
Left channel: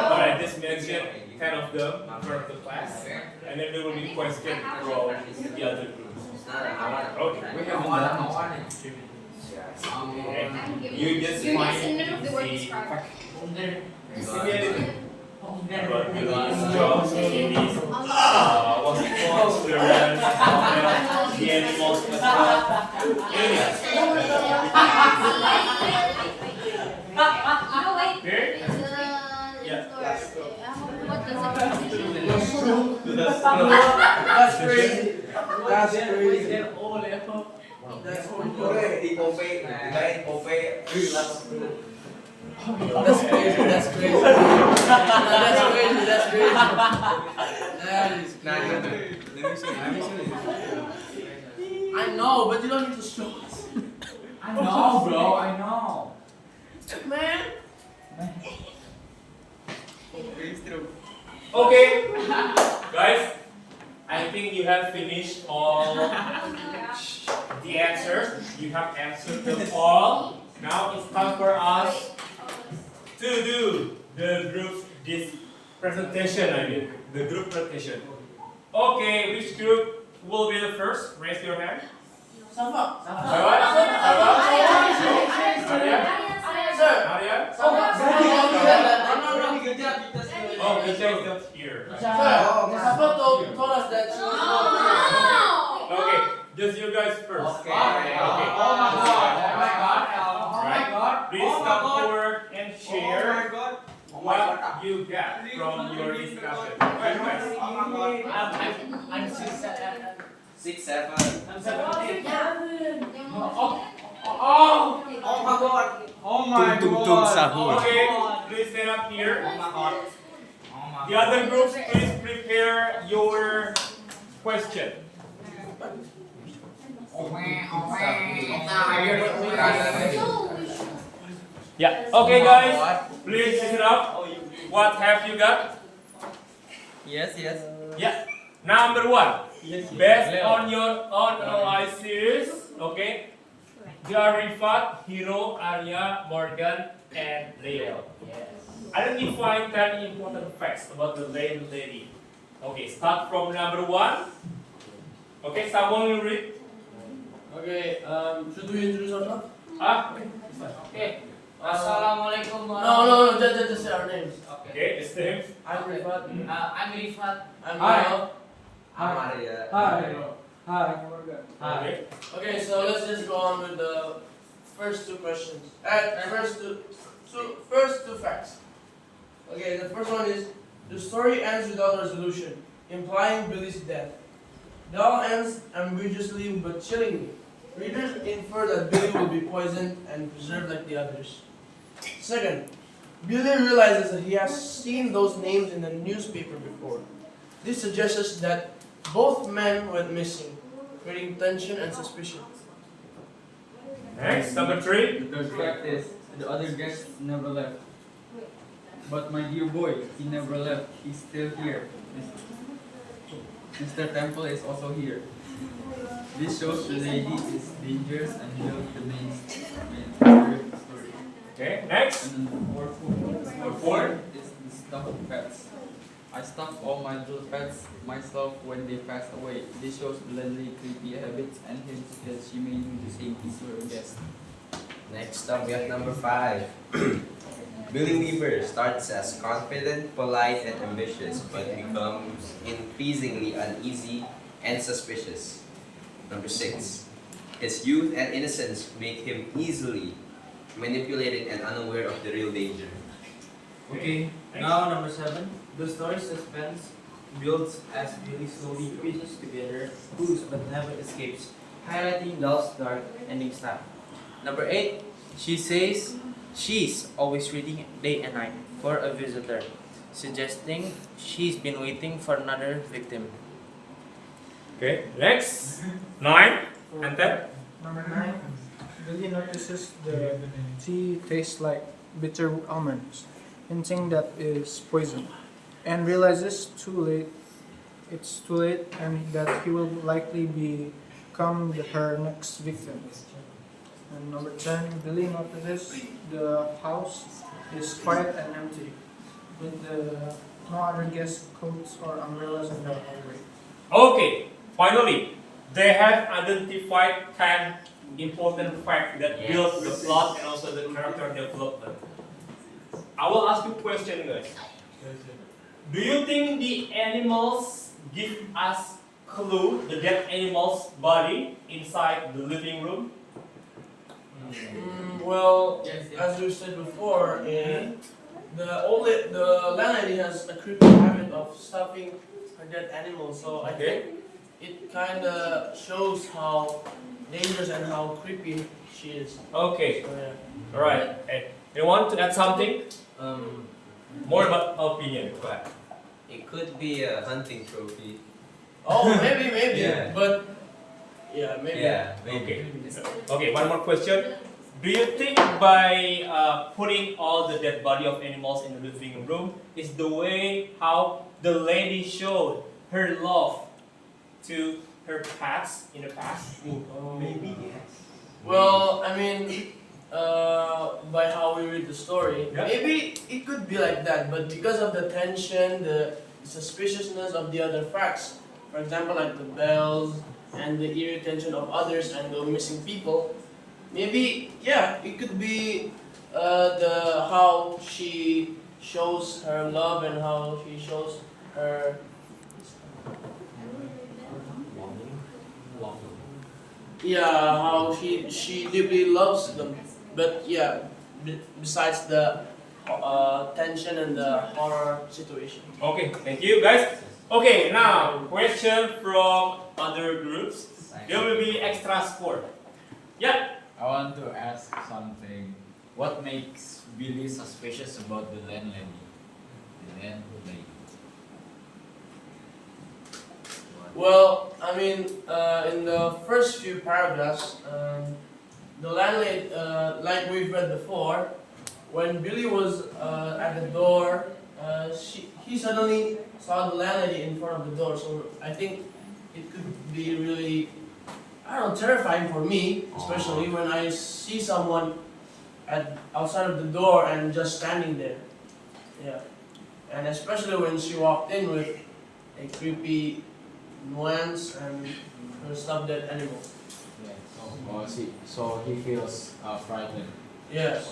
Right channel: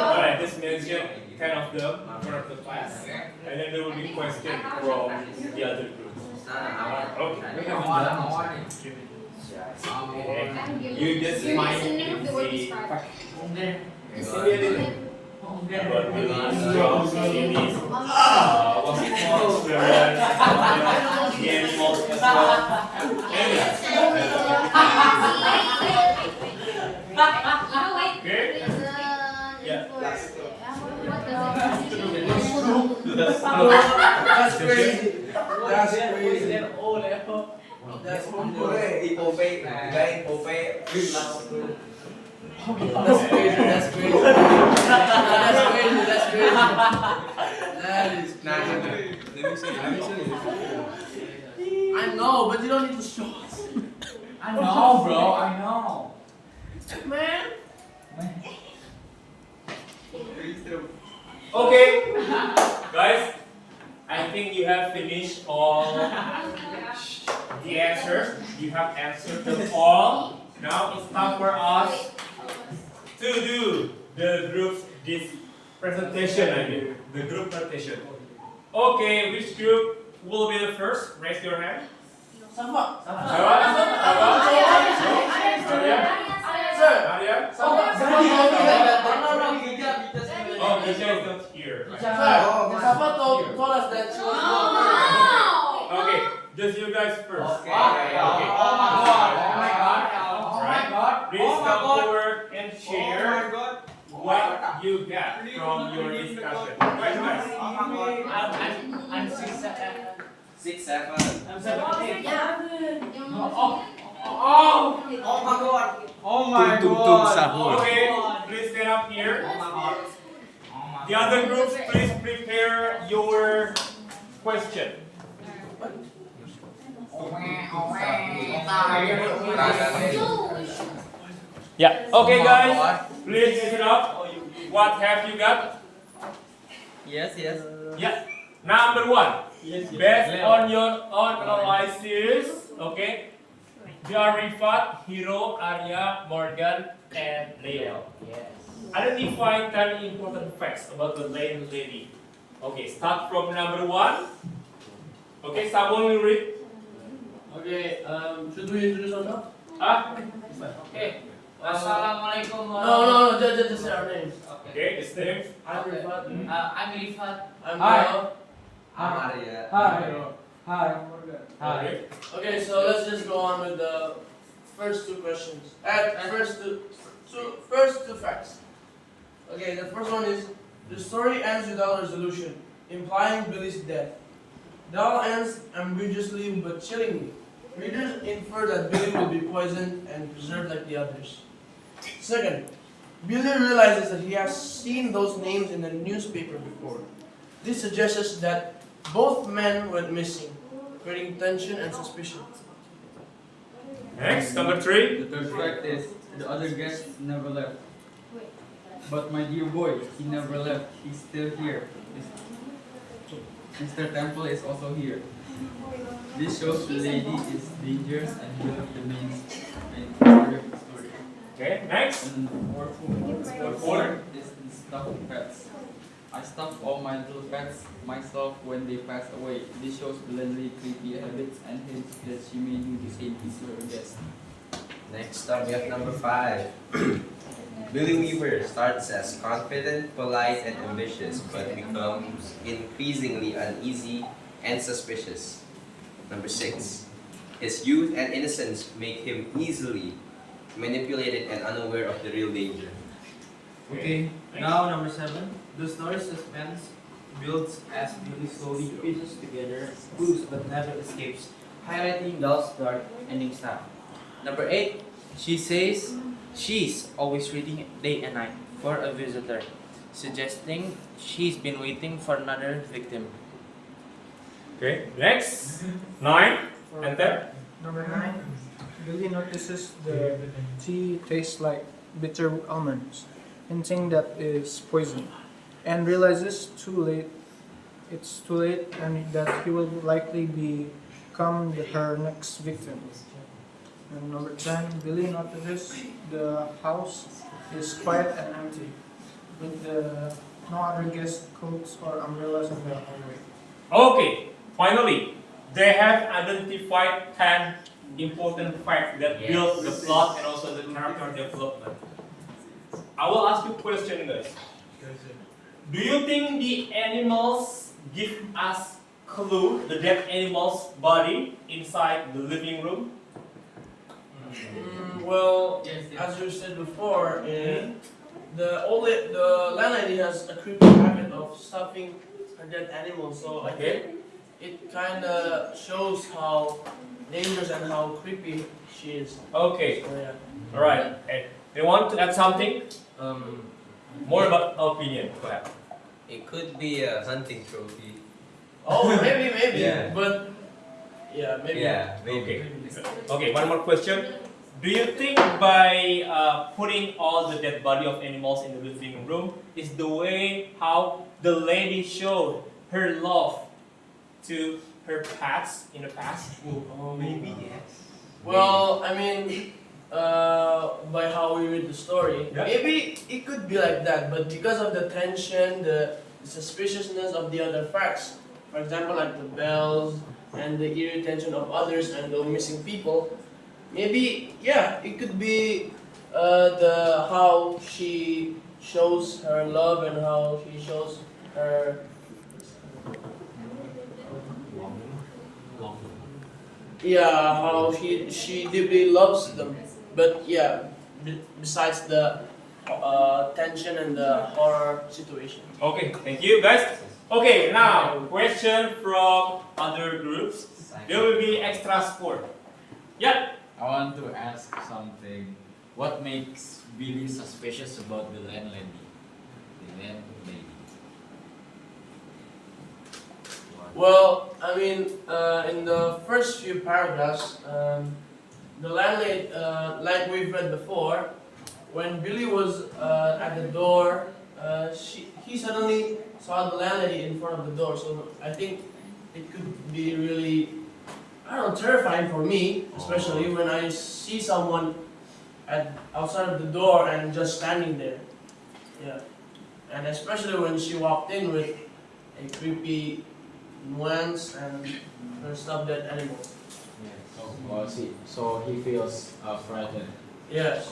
Alright, this mention 10 of them in front of the class. And then there will be questions from the other groups. Okay. Okay. You just find the about Billy's jobs, Billy's what's it called, experience, the animals and stuff. Anyways, That's crazy. That's crazy. That's That's crazy. That's crazy. That's crazy. That's crazy. That is crazy. Let me show you. I know, but you don't need to show us. I know, bro. I know. Man. Okay, guys, I think you have finished all the answers. You have answered them all. Now it's time for us to do the group this presentation. I mean, the group presentation. Okay, which group will be the first? Raise your hand. Safa. Sir. Maria? No. Oh, Michelle is not here. Sir, Safa told us that she was Okay, just you guys first. Okay. Oh my god. Oh my god. Oh my god. Please come forward and share what you got from your discussion. I'm 6'7". I'm 7'8". Oh my god. Okay, please stand up here. The other groups, please prepare your question. Yeah. Okay, guys, please sit up. What have you got? Yes. Yeah. Number one. Based on your own analysis, okay, Rifat, Hero, Arya, Morgan, and Leo. Yes. Identify 10 important facts about the lane lady. Okay, start from number one. Okay, someone will read. Okay, should we introduce ourselves? Okay. Assalamualaikum. No, just say our names. Okay, his name. I'm Rifat. I'm Rifat. I'm Hi. Leo. Hi. Okay. Okay, so let's just go on with the first two questions. First two facts. Okay, the first one is the story ends without resolution, implying Billy's death. The all ends ambiguously but chillingly. Readers infer that Billy will be poisoned and preserved like the others. Second, Billy realizes that he has seen those names in the newspaper before. This suggests that both men went missing, creating tension and suspicion. Next, number three. The third fact is the other guest never left. But my dear boy, he never left. He's still here. Mr. Temple is also here. This shows the lady is dangerous and will the main story of the story. Okay, next. And fourth is the stuffed pets. I stuffed all my little pets myself when they passed away. This shows Blenley's creepy habits and hints that she may do the same thing to her guests. Next up, we have number 5. Billy Weaver starts as confident, polite, and ambitious, but becomes increasingly uneasy and suspicious. Number 6. His youth and innocence make him easily manipulated and unaware of the real danger. Okay, now number 7. The story suspense builds as Billy slowly pieces together clues but never escapes, highlighting Doll's dark ending style. Number 8. She says she's always reading day and night for a visitor, suggesting she's been waiting for another victim. Okay, next. 9 and 10. Number 9. Billy notices the tea tastes like bitter almonds, hinting that is poison, and realizes it's too late and that he will likely become her next victim. And number 10, Billy notices the house is quiet and empty, with no other guest coats or umbrellas in the hallway. Okay, finally, they have identified 10 important facts that build the plot and also the character development. I will ask you a question, guys. Do you think the animals give us clue, the dead animal's body inside the living room? Well, as we said before, the landlady has a creepy habit of stuffing her dead animal. So I Okay. think it kind of shows how dangerous and how creepy she is. Okay. So yeah. All right. And you want to add something? More about opinion. Go ahead. It could be a hunting trophy. Oh, maybe, Yeah. but yeah, maybe. Yeah, Okay. Okay. One more question. Do you think by putting all the dead body of animals in the living room is the way how the lady showed her love to her pets in the past? Maybe yes. Well, I mean, by how we read the story, Yeah. maybe it could be like that. But because of the tension, the suspiciousness of the other facts, for example, like the bells and the eerie tension of others and the missing people, maybe yeah, it could be the how she shows her love and how she shows her. Yeah, how she deeply loves them. But yeah, besides the tension and the horror situation. Okay. Thank you, guys. Okay. Now, question from other groups. There will be extra score. Yeah. I want to ask something. What makes Billy suspicious about the landlady? The landlady. Well, I mean, in the first few paragraphs, the landlady, like we've read before, when Billy was at the door, he suddenly saw the landlady in front of the door. So I think it could be really, I don't know, terrifying for me, especially when I see someone outside of the door and just standing there. Yeah, and especially when she walked in with a creepy nuance and her stuffed dead animals. So he feels frightened. Yes.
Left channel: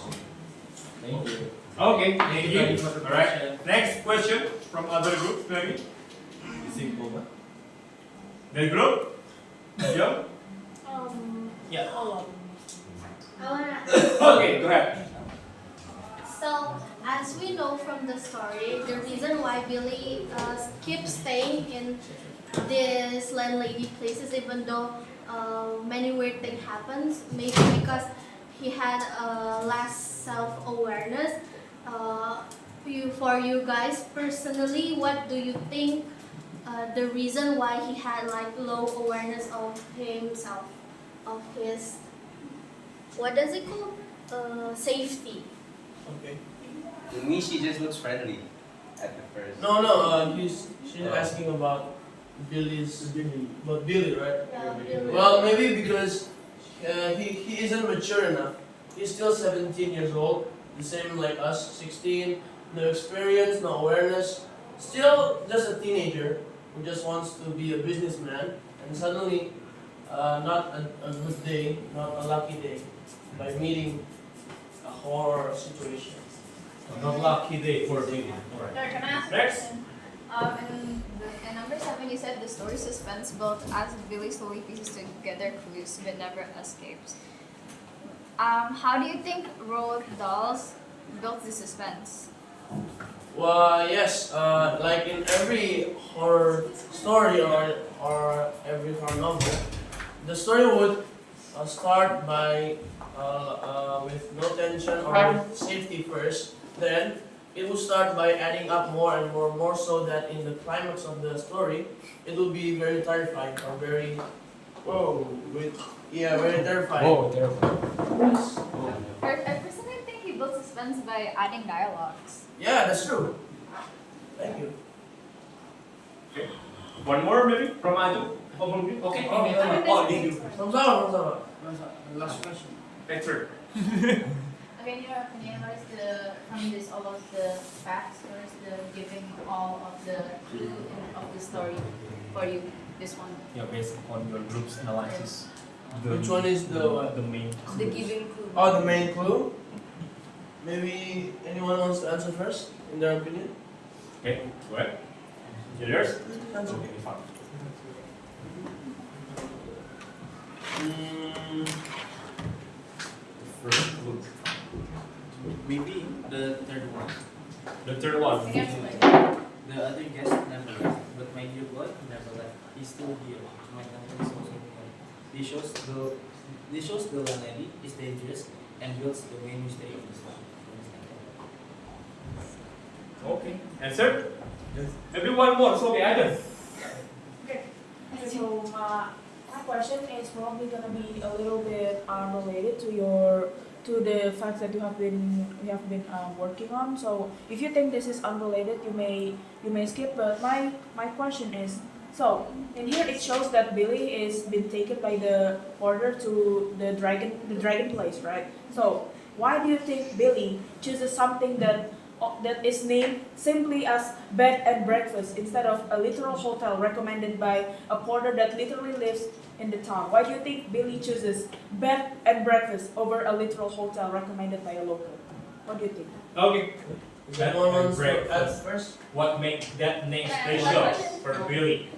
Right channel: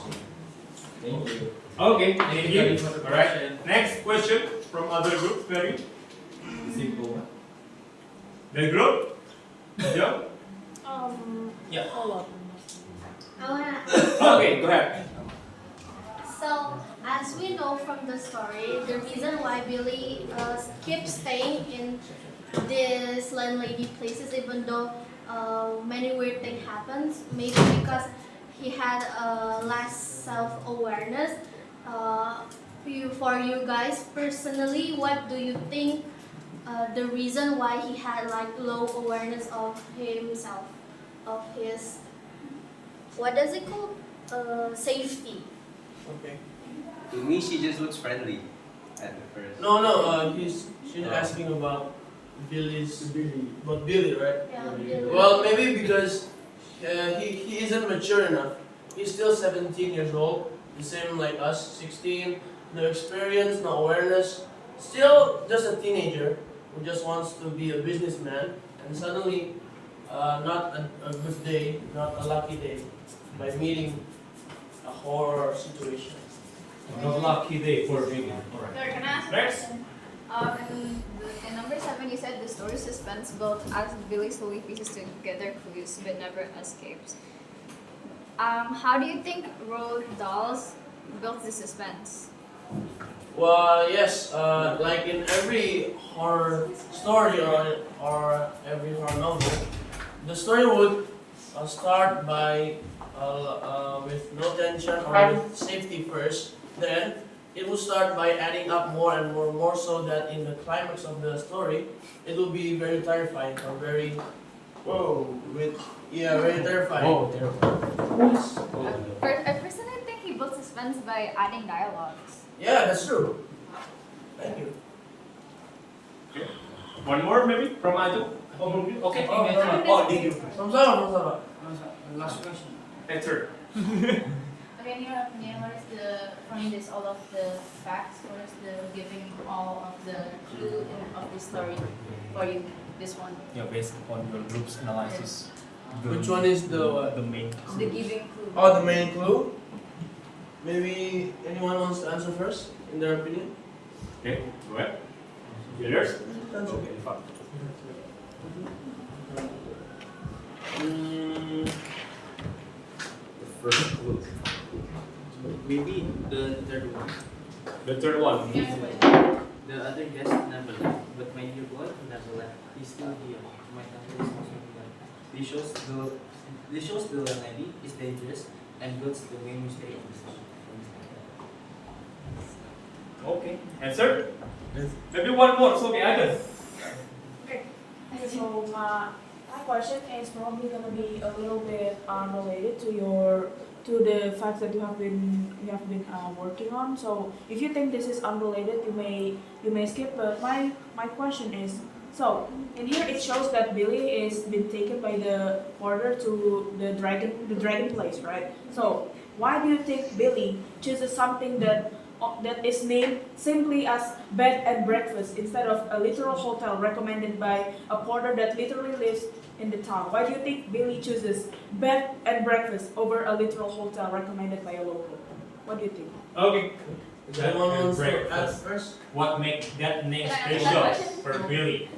Thank you. Okay. Thank you. All right. Next question from other groups. Maybe. Simple. The group. Yeah. Yeah. I wanna. Okay. Go ahead. So, as we know from the story, the reason why Billy keeps staying in this landlady places, even though many weird things happens, maybe because he had less self-awareness. For you guys personally, what do you think the reason why he had like low awareness of himself, of his, what does it called? Safety. Okay. To me, she just looks friendly at the first. No, she's asking about Billy, right? Yeah, Billy. Well, maybe because he isn't mature enough. He's still 17 years old, the same like us, 16, no experience, no awareness, still just a teenager who just wants to be a businessman, and suddenly, not a good day, not a lucky day, by meeting a horror situation. Not lucky day for David. All right. Sir, can I ask a Next. question? In number 7, you said the story suspense built as Billy slowly pieces together clues but never escapes. How do you think Roald Dahl's built the suspense? Well, yes, like in every horror story or every horror novel, the story would start by with no tension or with safety first. Then it will start by adding up more and more so that in the climax of the story, it will be very terrifying or very, very terrifying. Oh, terrible. Yes. I personally think he built suspense by adding dialogues. Yeah, that's true. Thank you. One more maybe from Adu. Okay. Did you? From Sama. Last question. That's her. Okay, can you notice from this all of the facts, what is the giving all of the clue of the story for you, this one? Yeah, based on your group's analysis. Which one is the what? The main. The giving clue. Oh, the main clue? Maybe anyone wants to answer first, in their opinion? Okay. Go ahead. Yours? Answer. Okay, fine. The first clue. Maybe the third one. The third one. The other guests never left, but my dear boy never left. He's still here. My family is also here. This shows the landlady is dangerous and builds the main mistake of this life. Okay. Answer? Maybe one more. So, okay, Ivan. So my question is probably gonna be a little bit related to the fact that you have been working on. So if you think this is unrelated, you may skip. But my question is, so in here it shows that Billy is been taken by the porter to the dragon place, right? So why do you think Billy chooses something that is named simply as bed and breakfast instead of a literal hotel recommended by a porter that literally lives in the town? Why do you think Billy chooses bed and breakfast over a literal hotel recommended by a local? What do you think? Okay. Bed Anyone and wants to add breakfast. first? What makes that name Can I ask special one question? for Billy?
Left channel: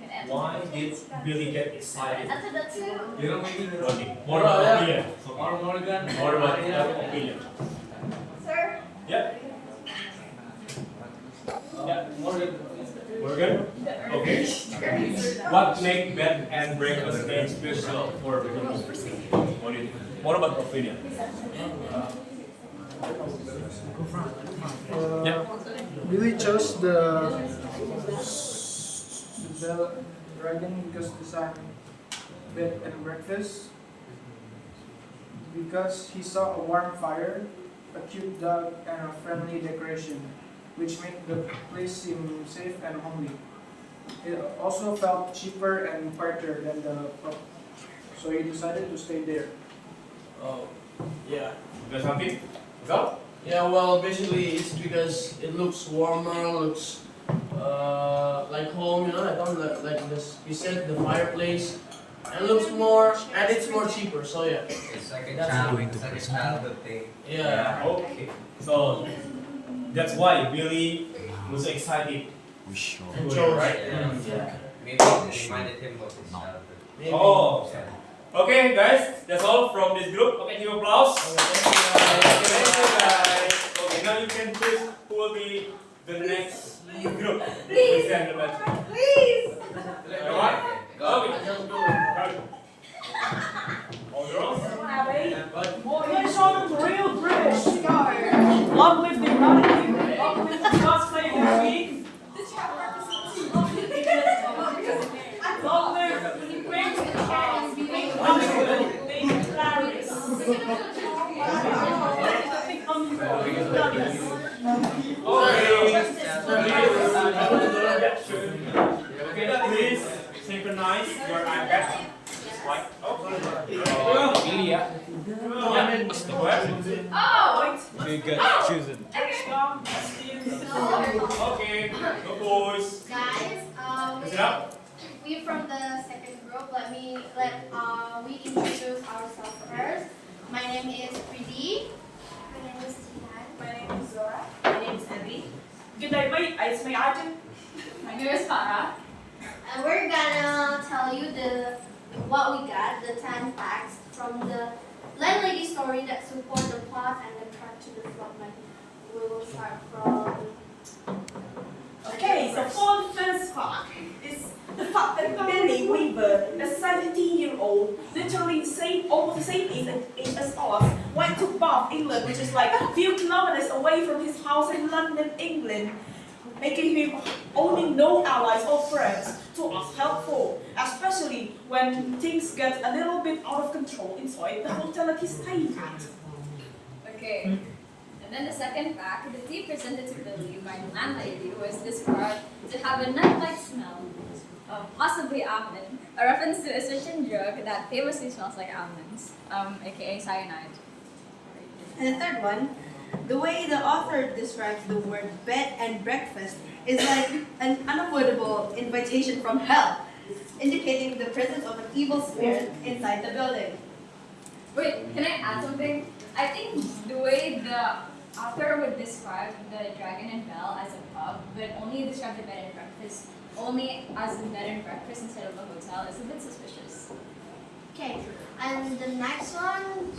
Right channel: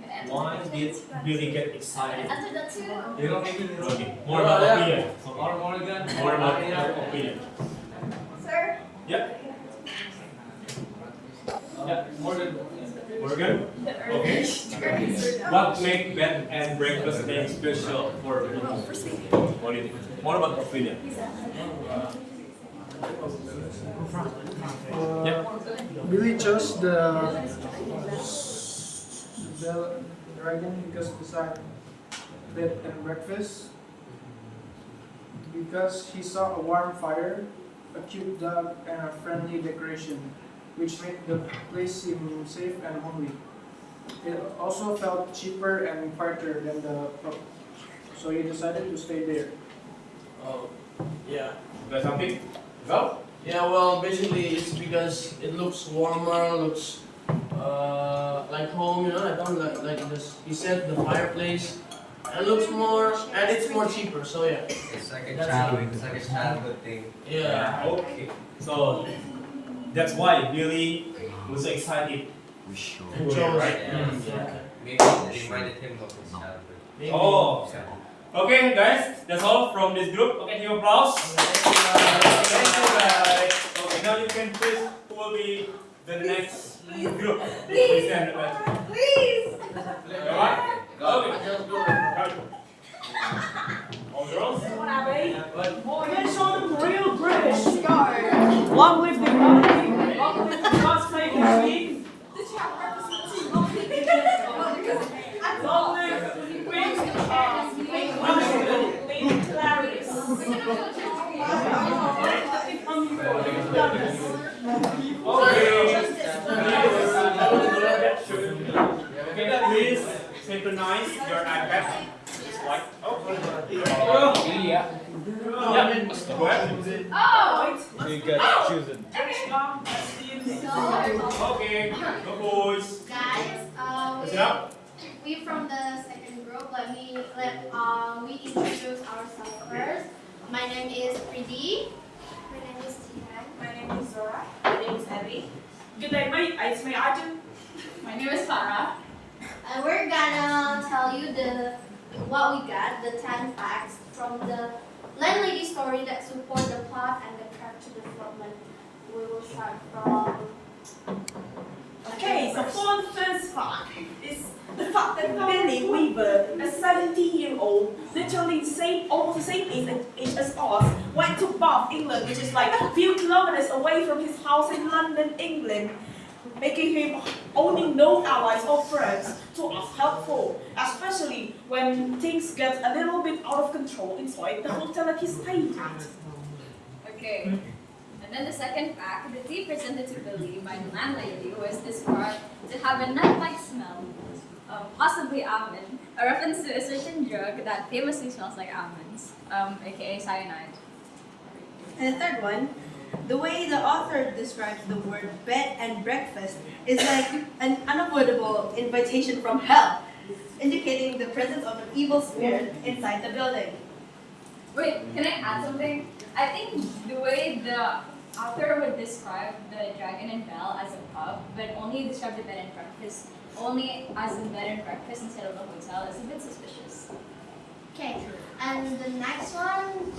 Can I answer Why that? did Billy get excited? Answer that too. You don't make it. Okay. More about opinion. Morgan. More about opinion. Sir? Yeah. Yeah. Morgan. Morgan? Okay. What makes bed and breakfast name special for Billy? What do you think? More about opinion. Billy chose the bell dragon because beside bed and breakfast, because he saw a warm fire, a cute dog, and a friendly decoration, which made the place seem safe and homely. It also felt cheaper and quieter than the pub, so he decided to stay there. Oh, yeah. Got something? Go. Yeah, well, basically it's because it looks warmer, looks like home, you know. I don't like this. He said the fireplace, and looks more, and it's more cheaper. So yeah. It's like a That's childhood thing. Yeah. Okay. So that's why Billy was so excited. And to chose, right? yeah. Maybe it reminded him of his childhood. Maybe. Oh. Okay, guys. That's all from this group. Okay, give applause. Thank you, guys. Okay, now you can choose who will be the next group. Please stand the best. Please! All right? Okay. All girls? Let's show them real British. Long live the monarchy. Long live the God save the Queen. Long live Queen Queen Clarice. Okay, please synchronize your iPad. Just like, Billy, yeah. Go ahead. Oh! Okay, good. Choose it. Okay, go boys. Guys, Is it up? we from the second group. We introduce ourselves first. My name is Pridi. My name is Tian. My name is Zora. My name is Abby. Good day, mate. It's my item. My name is Farah. And we're gonna tell you what we got, the 10 facts from the landlady story that support the plot and the character development. We will start from. Okay, so for the first fact is the fact that Billy Weaver, a 17-year-old, literally almost the same age as us, went to Bath, England, which is like a few kilometers away from his house in London, England, making him owning no allies or friends to us helpful, especially when things get a little bit out of control inside the hotel that he stayed at. Okay. And then the second fact, the tea presented to Billy by the landlady was described to have a nut-like smell, possibly almond, a reference to a certain drug that famously smells like almonds, aka cyanide. And the third one, the way the author describes the word bed and breakfast is like an unavoidable invitation from hell, indicating the presence of an evil spirit inside the building. Wait, can I add something? I think the way the author would describe the Dragon and Bell as a pub, but only describe the bed and breakfast only as a bed and breakfast instead of a hotel is a bit suspicious. Okay, and the next one,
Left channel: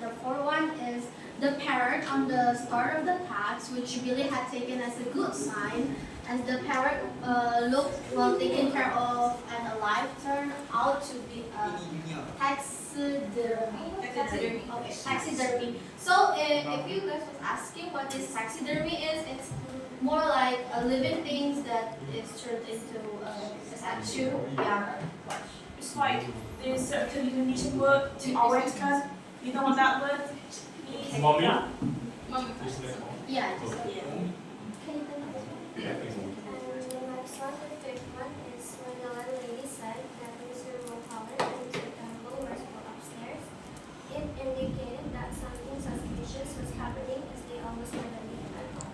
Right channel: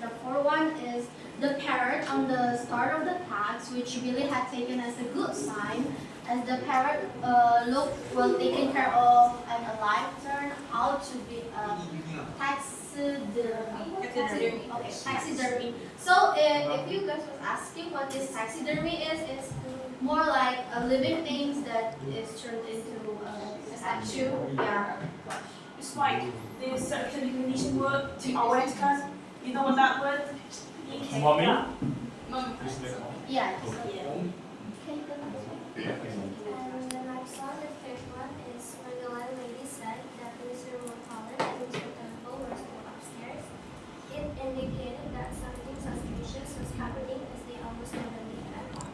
The fourth one is the parrot on the start of the tax, which Billy had taken as a good sign, as the parrot looked well taken care of and alive, turned out to be a taxidermy. Okay, taxidermy. So if you guys was asking what this taxidermy is, it's more like a living things that is turned into a statue. Yeah. It's like this Indonesian word diawetkan. You know what that word? Mommy? Yeah. Yeah. And the next one, the fifth one, is when the landlady said that Mr. Mulholland and Mr. Temple were still upstairs. It indicated that something suspicious was happening as they almost never leave at home.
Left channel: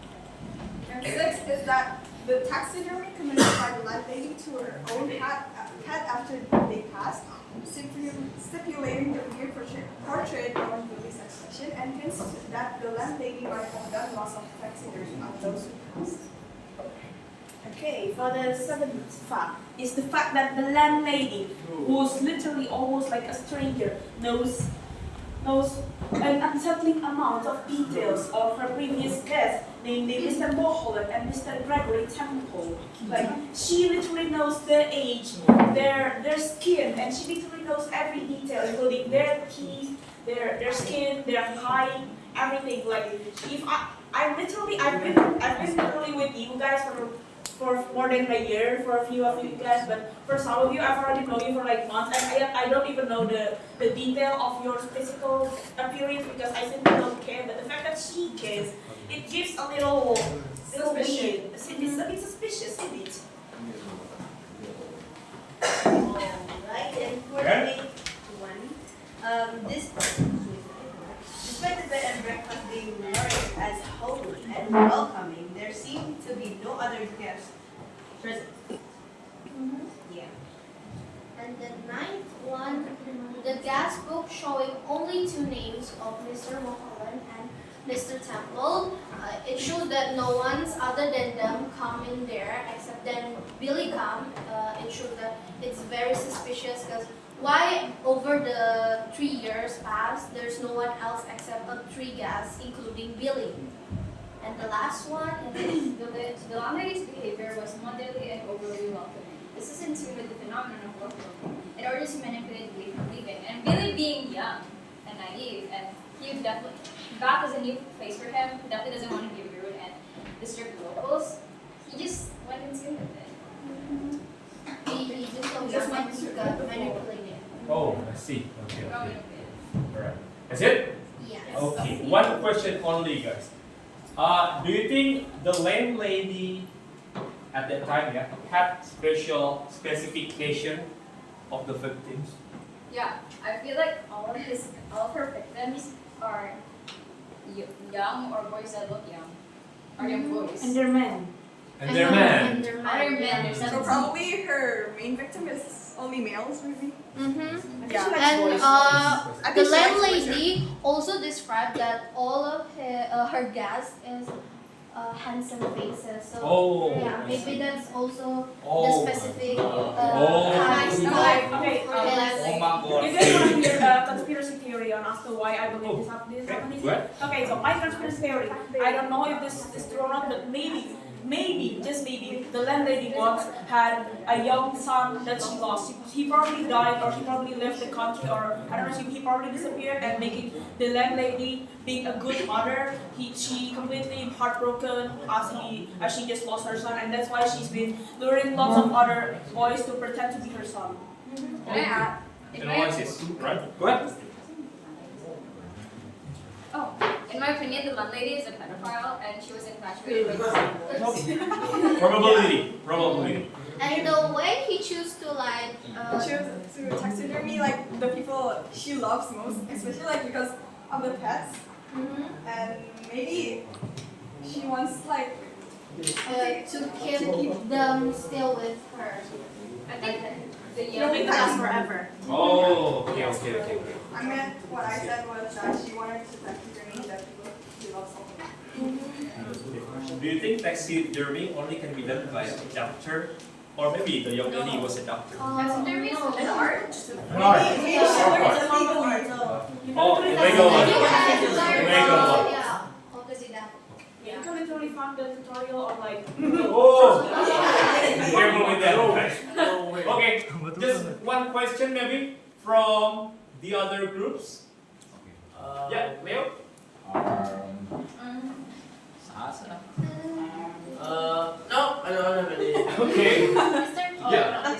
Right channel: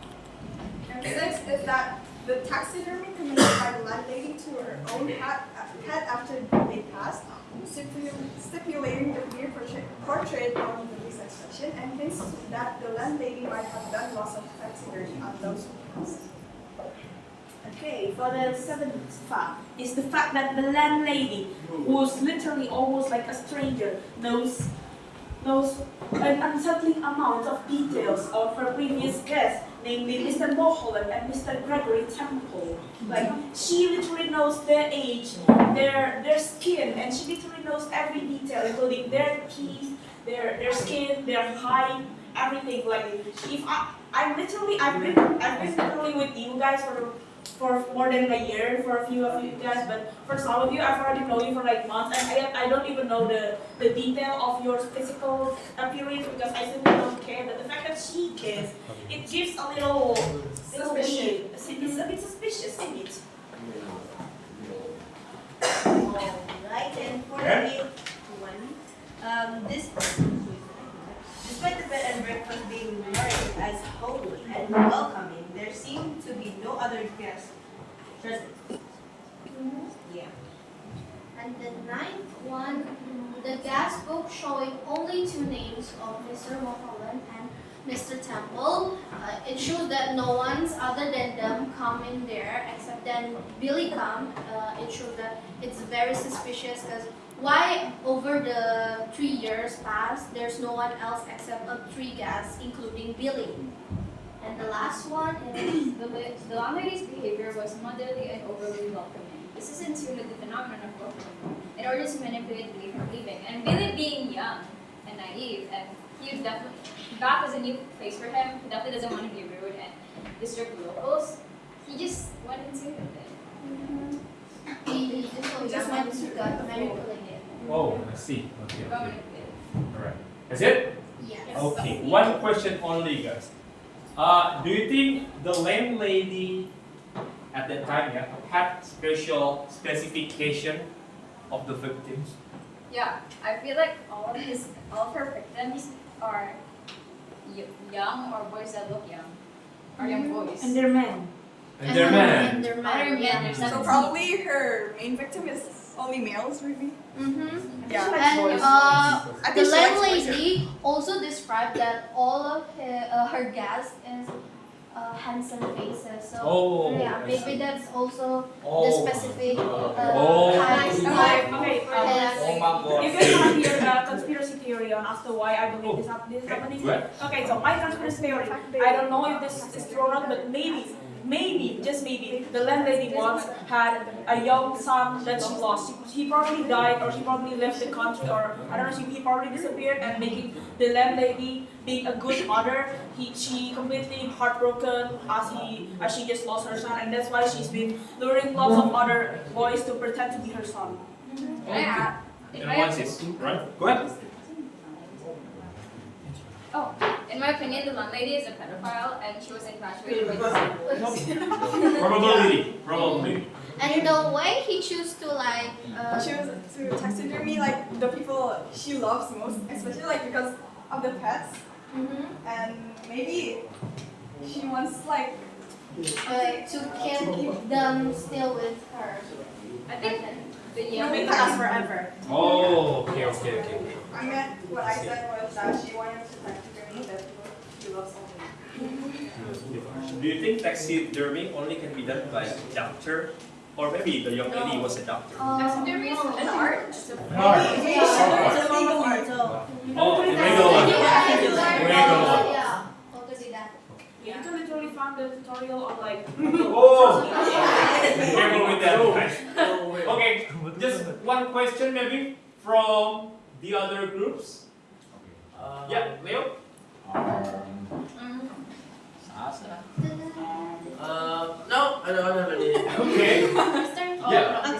And six is that the taxidermy committed by the landlady to her own cat after they passed, stipulating the rear portrait on Billy's expression, and hints that the landlady might have done lots of taxidermy on those who passed. Okay, for the seventh fact is the fact that the landlady, who's literally almost like a stranger, knows an unsettling amount of details of her previous guests, namely Mr. Mulholland and Mr. Gregory Temple. Like, she literally knows their age, their skin, and she literally knows every detail, including their teeth, their skin, their height, everything. Like, if I've been literally with you guys for more than a year, for a few of you guys, but for some of you, I've already known you for like months, and I don't even know the detail of your physical appearance because I simply don't care. But the fact that she cares, it gives a little weird. It's a bit suspicious, isn't it? Alright, and for the eighth one, despite the bed and breakfast being marked as homely and welcoming, there seemed to be no other guests present. Yeah. And the ninth one, the gas book showing only two names of Mr. Mulholland and Mr. Temple. It shows that no one's other than them come in there except then Billy come. It shows that it's very suspicious because why over the 3 years past there's no one else except three guests including Billy. And the last one is the landlady's behavior was motherly and overly welcoming. This is in tune with the phenomenon of welcoming. It orders to manipulate Billy from leaving. And Billy being young and naive, and he definitely, back as a new face for him, he definitely doesn't want to be rude and disturb the locals. He just went in tune with it. He just meant to get manipulated. Oh, I see. Okay. Alright. That's it? Yes. Okay. One question only, guys. Do you think the landlady at that time had special specification of the victims? Yeah, I feel like all of her victims are young or boys that look young, or young boys. And they're men. And they're men. And they're men. So probably her main victim is only males, maybe? Mm-hmm. Yeah. And the landlady also described that all of her guests is handsome faces. So yeah, maybe that's also the specific height. Okay. You guys want to hear a conspiracy theory on as to why I believe this is happening? Okay, so my conspiracy theory. I don't know if this is true or not, but maybe, just maybe, the landlady once had a young son that she lost. He probably died, or she probably left the country, or I don't know, he probably disappeared, and making the landlady being a good mother, she completely heartbroken as she just lost her son, and that's why she's been luring lots of other boys to pretend to be her son. Yeah. And once it's right. Go ahead. Oh, in my opinion, the landlady is a pedophile and she was infatuated by this. Probability. And the way he chose to choose to taxidermy like the people she loves most, especially like because of the pets. And maybe she wants like to keep them still with her. I think It lasts forever. Oh, okay. I meant what I said was that she wanted to taxidermy the people she loves only. Do you think taxidermy only can be done by a doctor Or maybe the young lady was a doctor. There is an art. Art. Oh, the legal one. Yeah. Legal one. Yeah. What could be that? You can literally find the tutorial on like Oh! Be careful with that, guys. Okay, just one question maybe from the other groups. Yeah, Leo? No, I don't have any. Okay. Yeah.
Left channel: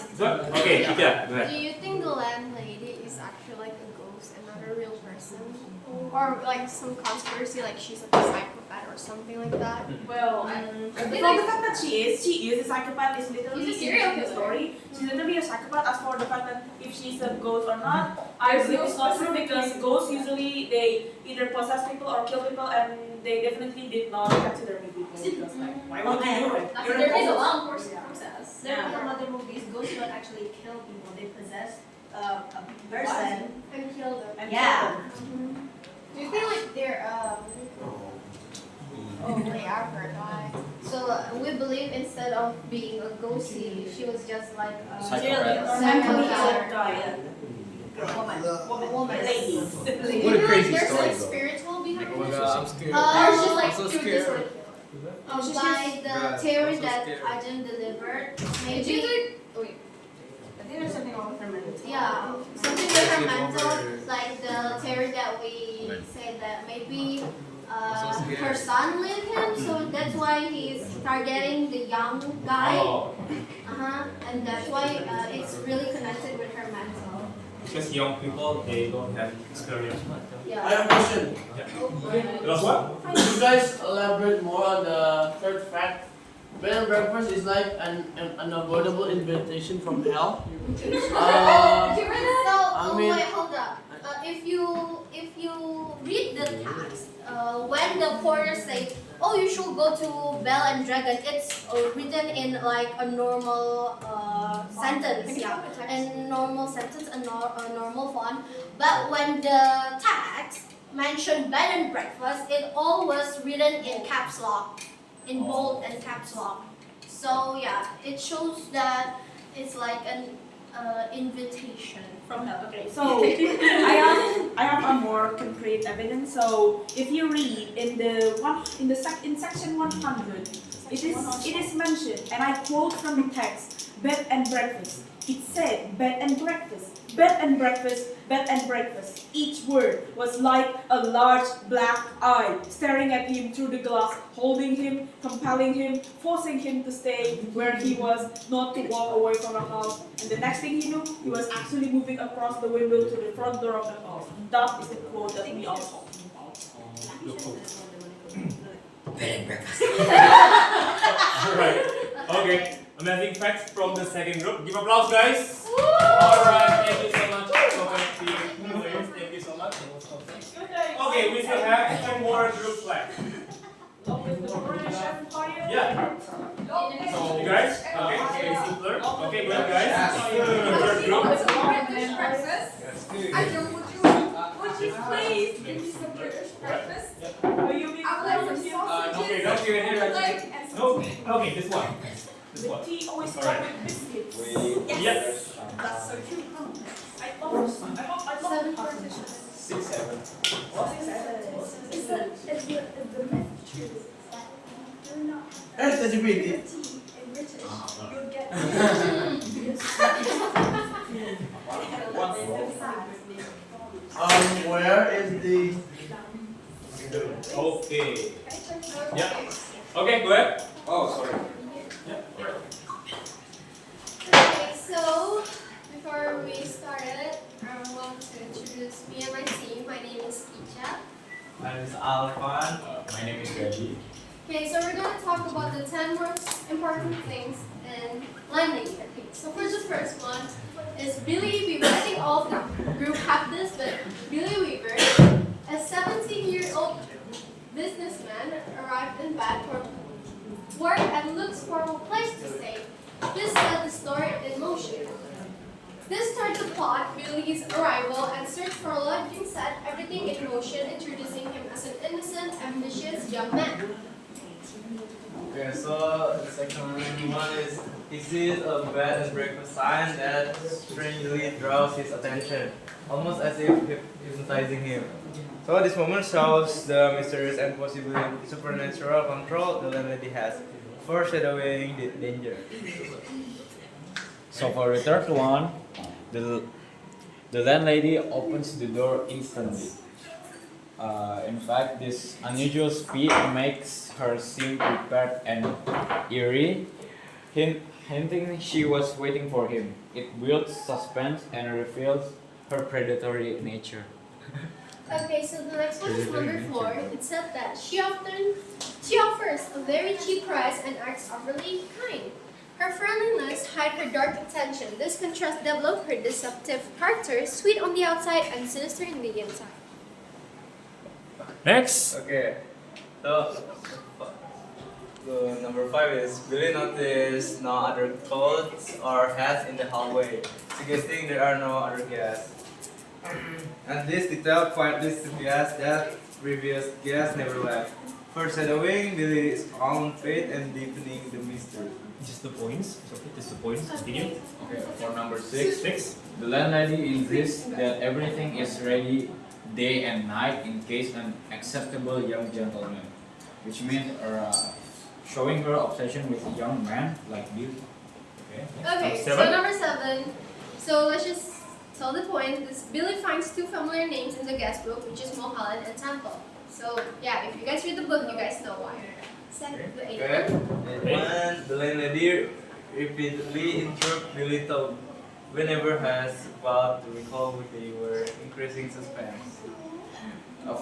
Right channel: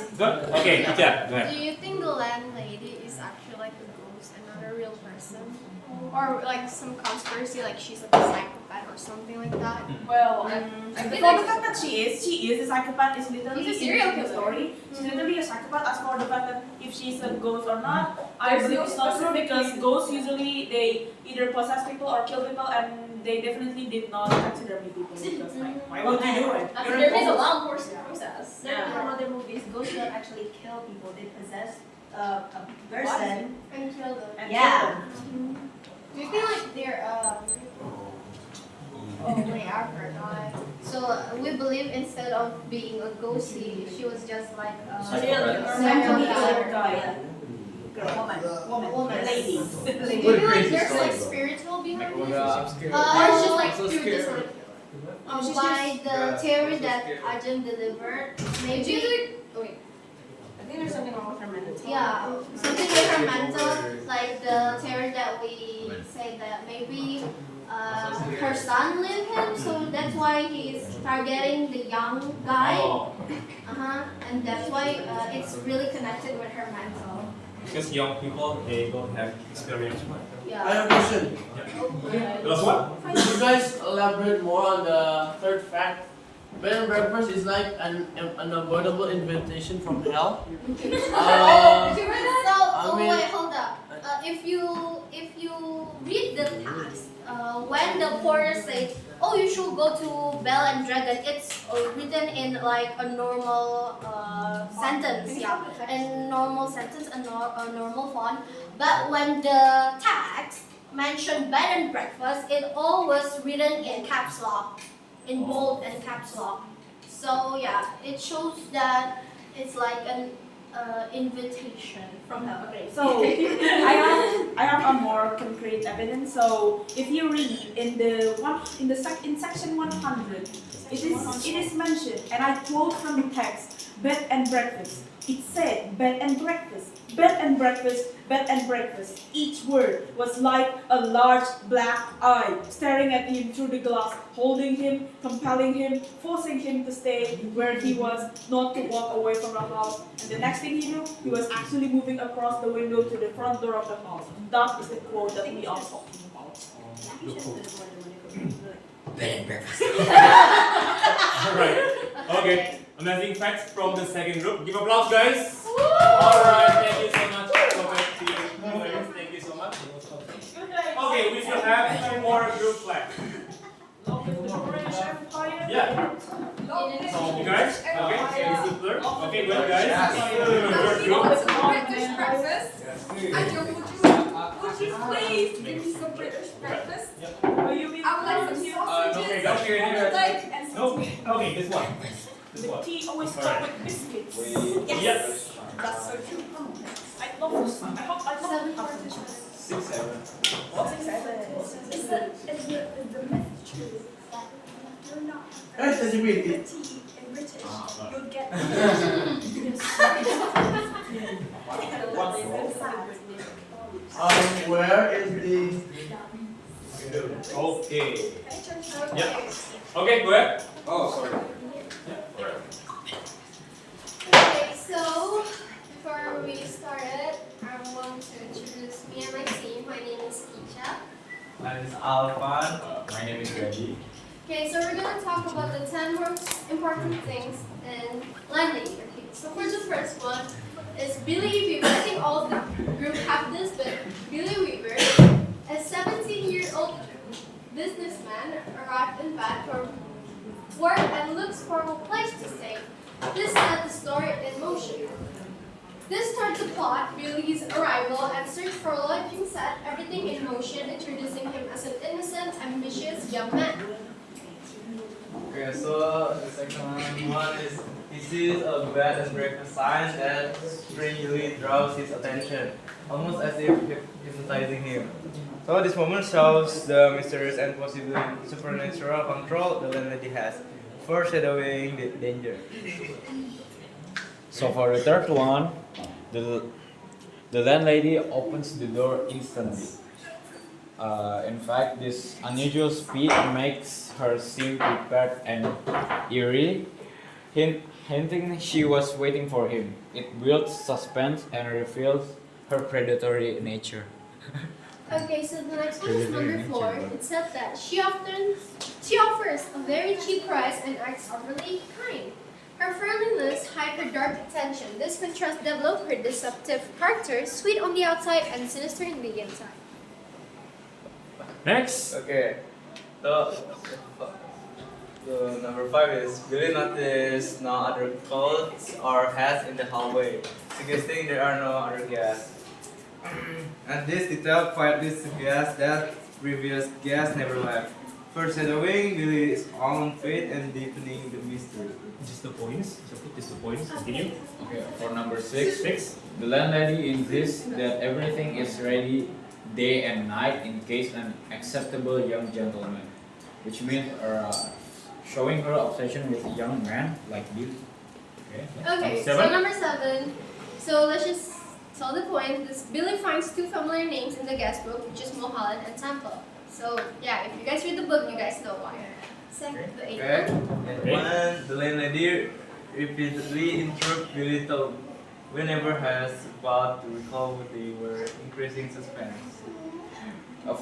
Okay, yeah, go ahead. Do you think the landlady is actually like a ghost and not a real person? Or like some conspiracy, like she's like a psychopath or something like that? well, I think for the fact that she is a psychopath is literally She's a serial in the killer. story. She's literally a psychopath. As for the fact that if she's a ghost or not, I believe it's not true because ghosts usually they either possess people or kill people, and they definitely did not taxidermy people because like why would you do it? You're a There is a ghost. long process. There are some other movies, ghosts don't actually kill people, they possess a person. And kill them. And yeah. Do you feel like they're oh wait, I forgot. So we believe instead of being a ghost, she was just like a Serial killer. woman. Lady. Do you feel like there's like spiritual behind it? Or it's just like through by the theory that Ajahn delivered, maybe. Wait. I think there's something wrong with her mental. Yeah, something with her mental, like the theory that we say that maybe her son lived him, so that's why he's targeting the young guy. Oh, And that's why it's really connected with her mental. because young people, they don't have experience. I have a question. Last one? Could you guys elaborate more on the third fact? Bed and breakfast is like an unavoidable invitation from hell. So, I mean- wait, hold up. If you read the text, when the porter says, "Oh, you should go to Bell and Dragon," it's written in like a normal sentence, yeah, a normal sentence, a normal font. But when the text mentioned bed and breakfast, it all was written in caps lock, in bold and caps lock. So yeah, it shows that it's like an invitation From hell. Okay, so I have a more concrete evidence. So if you read in section 100, it is mentioned, and I quote from the text, bed and breakfast. It said bed and breakfast, bed and breakfast, bed and breakfast. Each word was like a large black eye staring at him through the glass, holding him, compelling him, forcing him to stay where he was, not to walk away from the house. And the next thing he knew, he was actually moving across the window to the front door of the house. That is the quote that we are talking about. Bed and breakfast. Alright, okay. Amazing facts from the second group. Give applause, guys. Alright, thank you so much. Thank you so much. Okay, we still have two more groups left. Yeah. You guys? Okay, very simpler. Okay, well guys. First group. British breakfast. Would you please give me some British breakfast? I would like some sausages, Okay, go to your egg, and No, okay, this one. This one. Tea always Alright. start with biscuits. Yes. That's so cute. I love this one. I love this one. 6, 7. Is the myth true that you're not Yes, that's a bit. tea in British? You'll get Where is the? Okay. Yeah. Okay, go ahead. Oh, sorry. Okay, so before we started, I want to introduce me and my team. My name is Icha. My name is Alphan. My name is Gaji. Okay, so we're gonna talk about the 10 most important things in landlady. Okay, so for the first one is Billy Weaver. I think all of the group have this, but Billy Weaver, a 17-year-old businessman, arrived in Bath for work and looks for a place to stay. This set the story in motion. This starts the plot, Billy's arrival, and search for lodging set everything in motion, introducing him as an innocent, ambitious young man. Okay, so the second one is He sees a bed and breakfast sign that strangely draws his attention, almost as if hypnotizing him. So this moment shows the mysterious and possibly supernatural control the landlady has, foreshadowing the danger. So for the third one, the landlady opens the door instantly. In fact, this unusual speed makes her seem prepared and eerie, hinting she was waiting for him. It builds suspense and reveals her predatory nature. Okay, so the next one is number 4. It said that she offers a very cheap price and acts overly kind. Her friendliness hides her dark intention. This contrast develops her deceptive character, sweet on the outside and sinister in the inside. Next. Okay. The number 5 is Billy noticed no other clothes or hats in the hallway, suggesting there are no other guests. And this detail quietly suggests that previous guests never left, foreshadowing Billy's own fate and deepening the mystery. Just the points. So just the points. Continue. Okay, for number 6, the landlady insists that everything is ready day and night in case an acceptable young gentleman, which means showing her obsession with a young man like Bill. Okay, so number 7. So let's just tell the point. This Billy finds 2 familiar names in the guest book, which is Mulholland and Temple. So yeah, if you guys read the book, you guys know why. Second, the 8th Okay. one. And when the landlady repeatedly interrupts Billy talk, whenever has about to recall who they were, increasing suspense.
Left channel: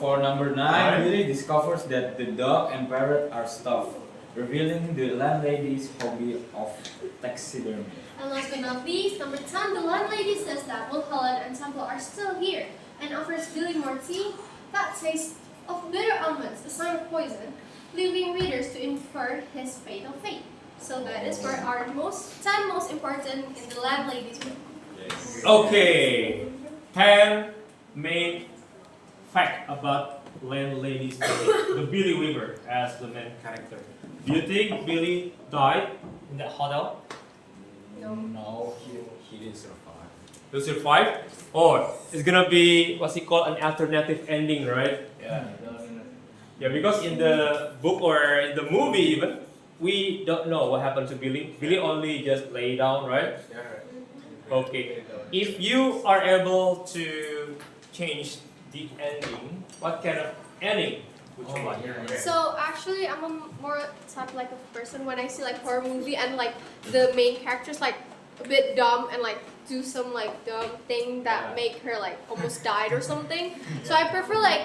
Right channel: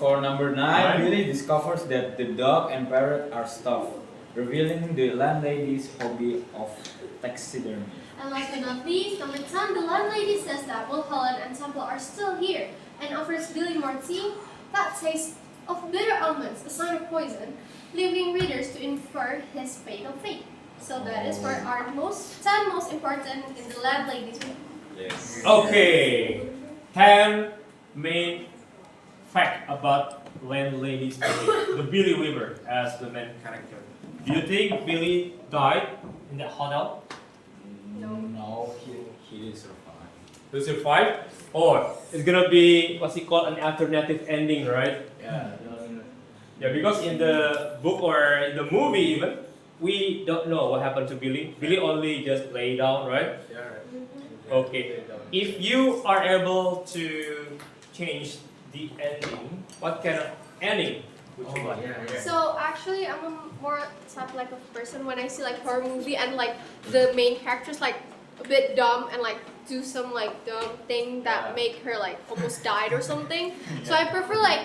For number 9, Billy discovers that the dog and parrot are stuffed, revealing the landlady's hobby of taxidermy. And last but not least, number 10, the landlady says that Mulholland and Temple are still here and offers Billy more tea that tastes of bitter almonds, a sign of poison, leaving readers to infer his fatal fate. So that is for our 10 most important in the landlady's book. Yes. Okay. 10 main fact about landlady's story. The Billy Weaver as the main character. Do you think Billy died in that hotel? No, he didn't survive. He'll survive? Or it's gonna be what's it called, an alternative ending, right? Yeah. Yeah, because in the book or in the movie even, we don't know what happened to Billy. Billy only just lay down, right? Yeah, right. Okay. If you are able to change the ending, what kind of ending would you want? So actually, I'm a more type like of person when I see like horror movie and like the main characters like a bit dumb and like do some like dumb thing that make her like almost died or something. So I prefer like,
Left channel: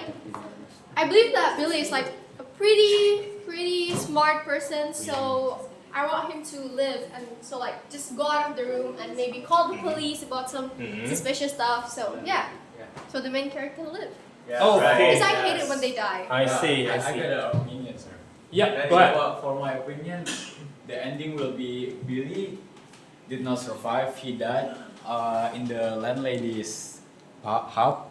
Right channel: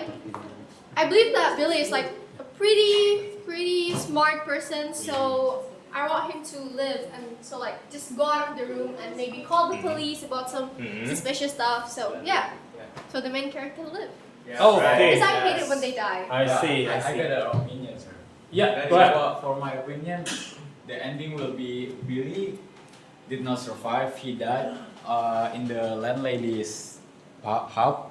I believe that Billy is like a pretty smart person. So I want him to live and so like just go out of the room and maybe call the police about some suspicious stuff. So yeah, so the main character live. Oh, okay. Because I hate it when they die. I see. I got an opinion, sir. Yeah, go ahead. For my opinion, the ending will be Billy did not survive. He died in the landlady's house.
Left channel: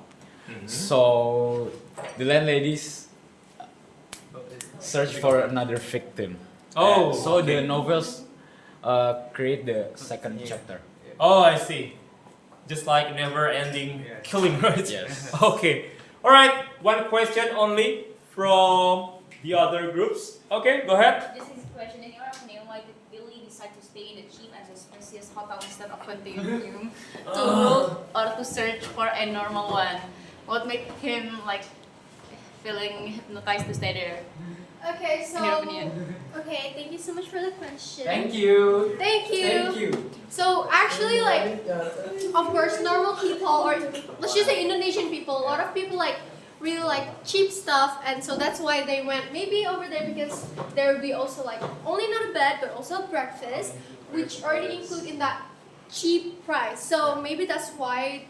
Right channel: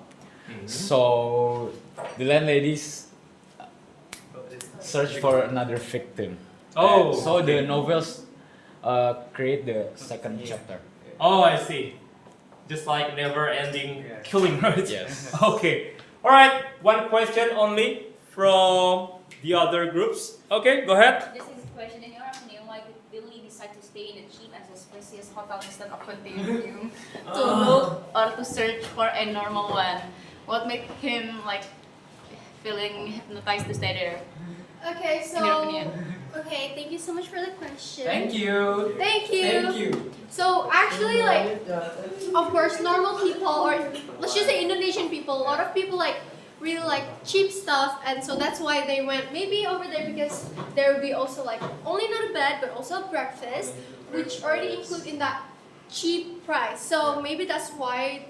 So the landladies search for another victim. Oh, so the novels create the second chapter. Oh, I see. Just like never-ending killing, right? Yes. Okay. All right. One question only from the other groups. Okay, go ahead. This is a question. In your opinion, why did Billy decide to stay in the cheap and suspicious hotel instead of continuing to look or to search for a normal one? What made him like feeling hypnotized to stay there? Okay, so In your opinion. okay, thank you so much for the question. Thank you. Thank you. Thank you. So actually, like, of course, normal people or let's just say Indonesian people, a lot of people like really like cheap stuff, and so that's why they went maybe over there because there would be also like only not a bed but also a breakfast, which already include in that cheap price. So maybe that's why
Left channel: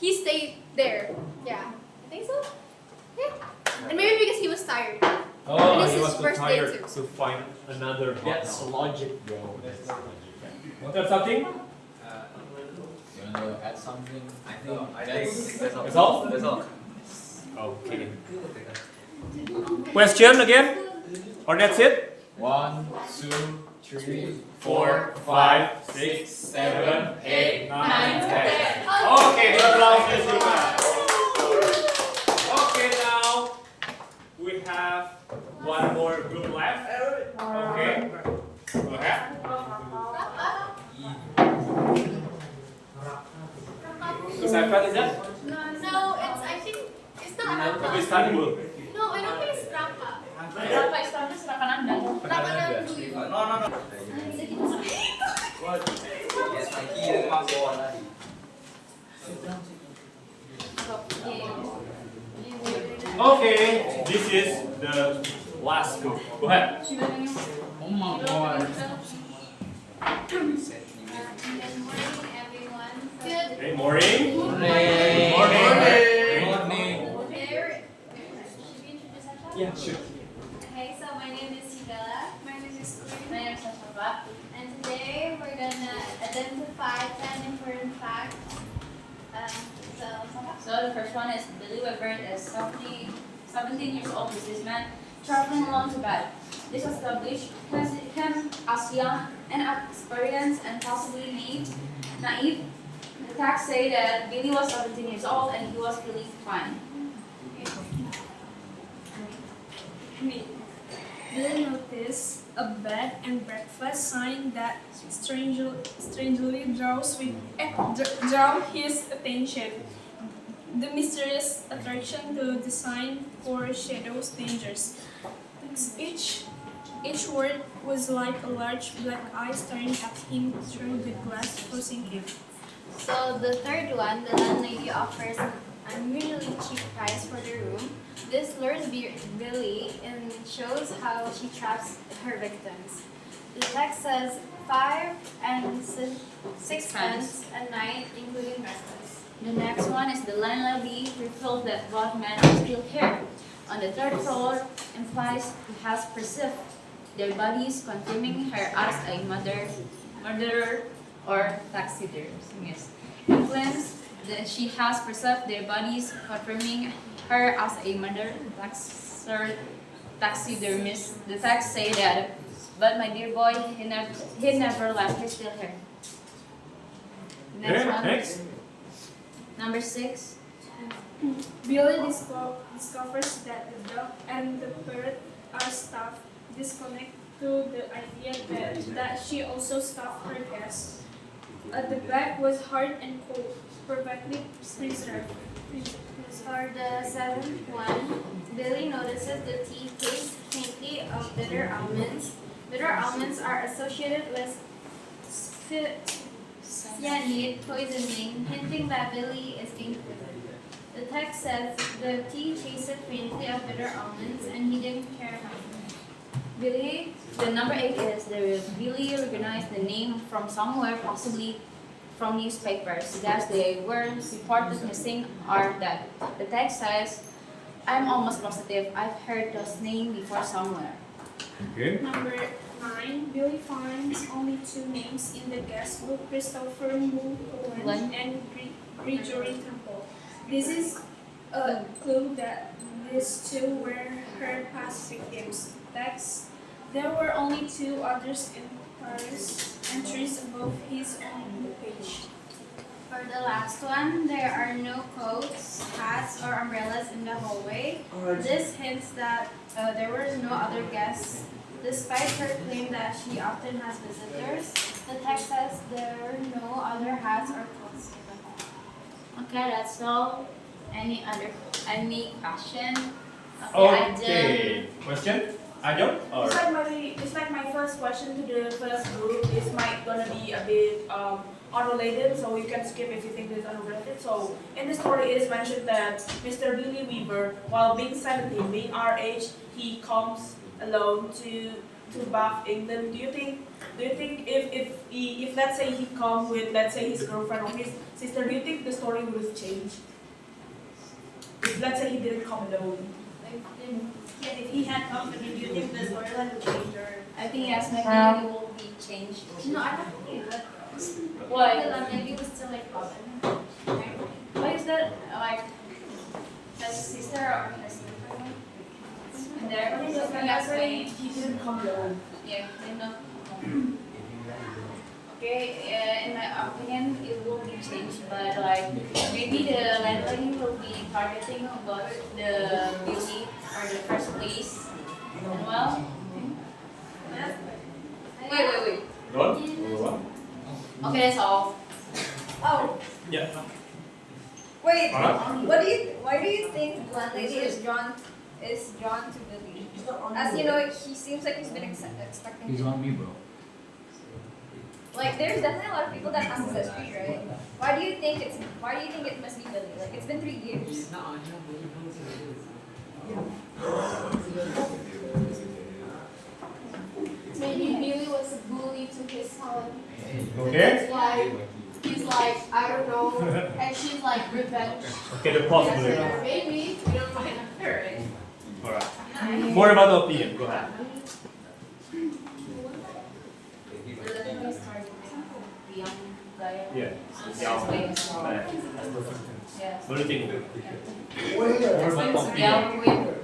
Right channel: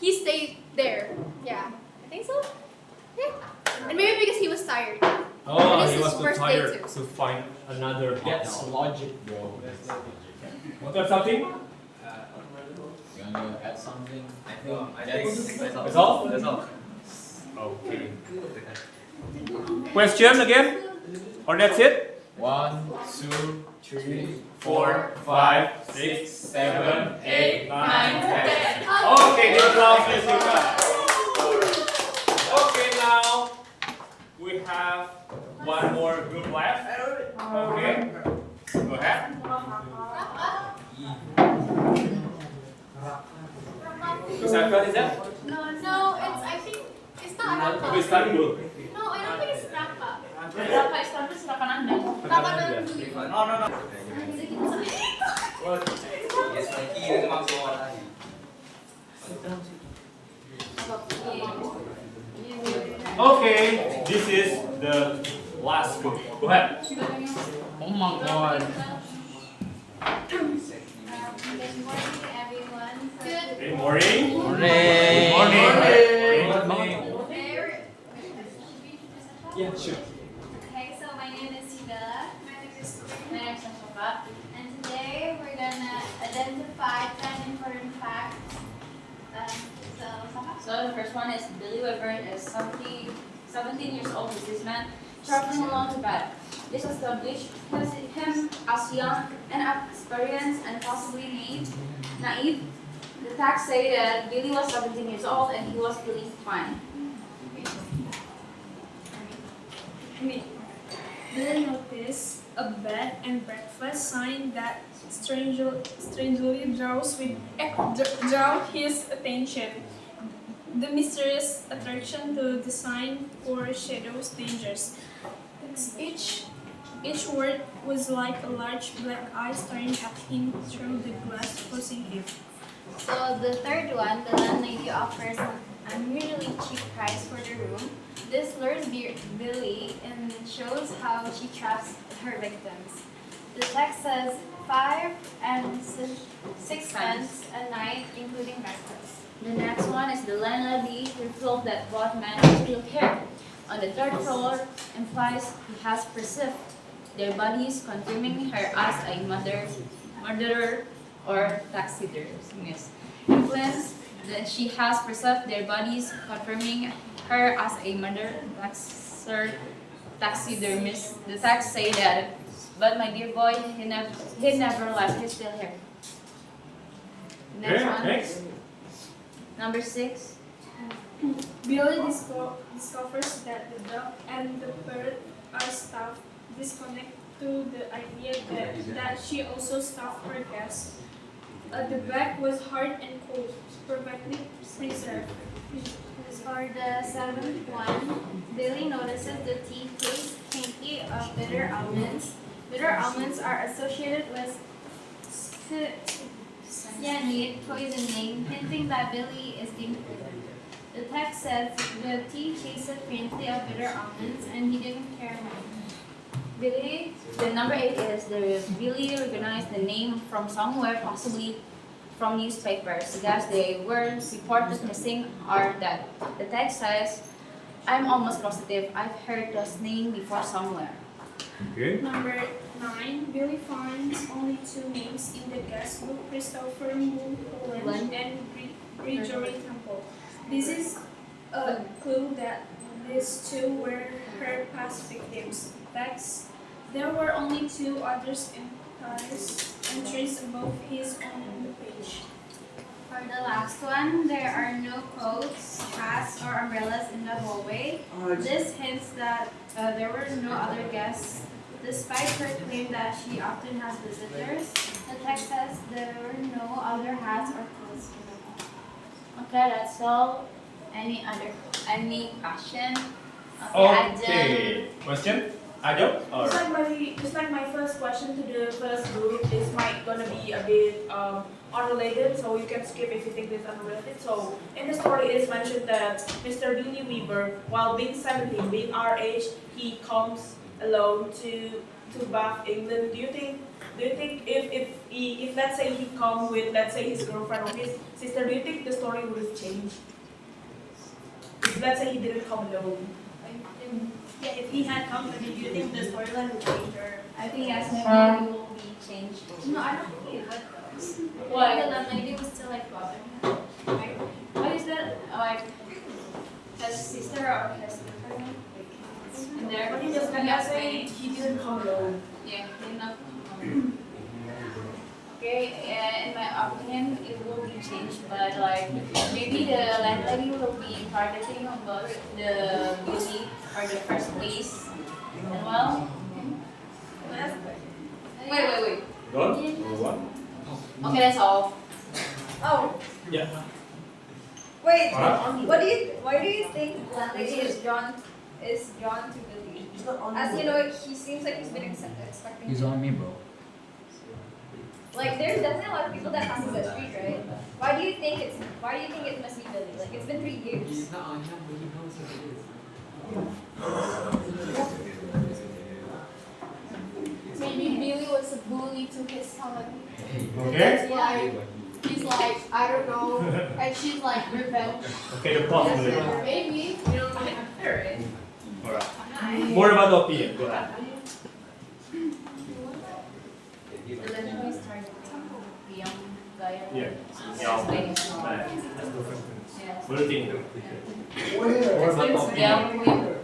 he stayed there. Yeah, I think so. Yeah, and maybe because he was tired. Oh, and it's he his was too birthday tired too. to find another That's hotel. logic, bro. That's logic. Want to add something? You want to add something? I think That's all? That's all. Okay. Question again? Or that's it? 1, 2, 3, 4, 5, 6, 7, 8, 9, 10. Okay, the applause is enough. Okay, now we have one more group left. Okay, go ahead. Siapa aja? No, I think it's not Tapi Istanbul. No, I don't think it's Raka. Berapa Istanbul silakan Anda. Raka dan Dwi. No. Yes, my key is not the one. Okay, this is the last group. Go ahead. Oh my god. Good morning, everyone. Good morning. Yeah, sure. Okay, so my name is Hidala. My name is Safa. And today we're gonna identify 10 important facts. So the first one is Billy Weber is 17 years old businessman traveling along to God. This established him as young, inexperienced, and possibly naive. The facts say that Billy was 17 years old and he was really fine. Billy noticed a bed and breakfast sign that strangely draw his attention. The mysterious attraction to the sign foreshadows dangers. Each word was like a large black eye staring at him through the glass, forcing him. So the third one, the landlady offers an unusually cheap price for the room. This lures Billy and shows how she traps her victims. The text says 5 and 6 pence a night, including breakfast. The next one is the landlady revealed that both men still care. On the third floor implies he has perceived their bodies, confirming her as a murderer or taxidermist. Influence that she has preserved their bodies, confirming her as a murderer taxidermist. The text say that, but my dear boy, he never left. He's still here. Next one. Next. Number 6. Billy discovers that the dog and the bird are stuffed, disconnect to the idea that she also stuffed her guest. The bag was hard and cold, perfectly preserved. For the seventh one, Billy notices the tea tastes faintly of bitter almonds. Bitter almonds are associated with cyanide poisoning, hinting that Billy is being poisoned. The text says the tea tasted faintly of bitter almonds, and he didn't care much. The number 8 is Billy recognized the name from somewhere, possibly from newspapers, that they were reported missing or dead. The text says, I'm almost positive I've heard this name before somewhere. Okay. Number 9, Billy finds only 2 names in the guest book: Christopher Mulholland and Gregory Temple. This is a clue that these 2 were her past victims. Text: there were only 2 others in Paris, entries above his own page. For the last one, there are no coats, hats, or umbrellas in the hallway. This hints that there were no other guests, despite her claim that she often has visitors. The text says there were no other hats or clothes in the hall. Okay, that's all. Any question? Okay. Question? Ajo? Or It's like my first question to the first group is gonna be a bit unrelated, so you can skip if you think it's unrelated. So in the story it is mentioned that Mr. Billy Weaver, while being 17, being our age, he comes alone to Bath, England. Do you think if let's say he come with, let's say, his girlfriend or his sister, do you think the story would have changed? If let's say he didn't come alone. Yeah, if he had company, do you think the storyline would change, or? I think yes, maybe it will be changed. No, I don't think it would. Why? The landlady was still like bothering him. What is that? Like his sister or his girlfriend? And there, Let's say he didn't come alone. Yeah, he did not come. Okay, in my opinion, it will be changed, but like maybe the landlady will be targeting about the beauty or the first place, and well. Wait. Don, what? Okay, that's all. Oh, Yeah. wait. Huh? Why do you think landlady is drawn to Billy? As you know, he seems like he's been expecting. He's on me, bro. Like, there's definitely a lot of people that passes that street, right? Why do you think it must be Billy? Like, it's been 3 years. Maybe Billy was a bully to his son. Okay. He's like, I don't know, and she's like revenge. Okay, the possibility. Maybe. You don't mind her, right? Alright. More about the opinion. Go ahead. The young guy. Yeah. Yes. What do you think? More It's about the opinion. young weaver.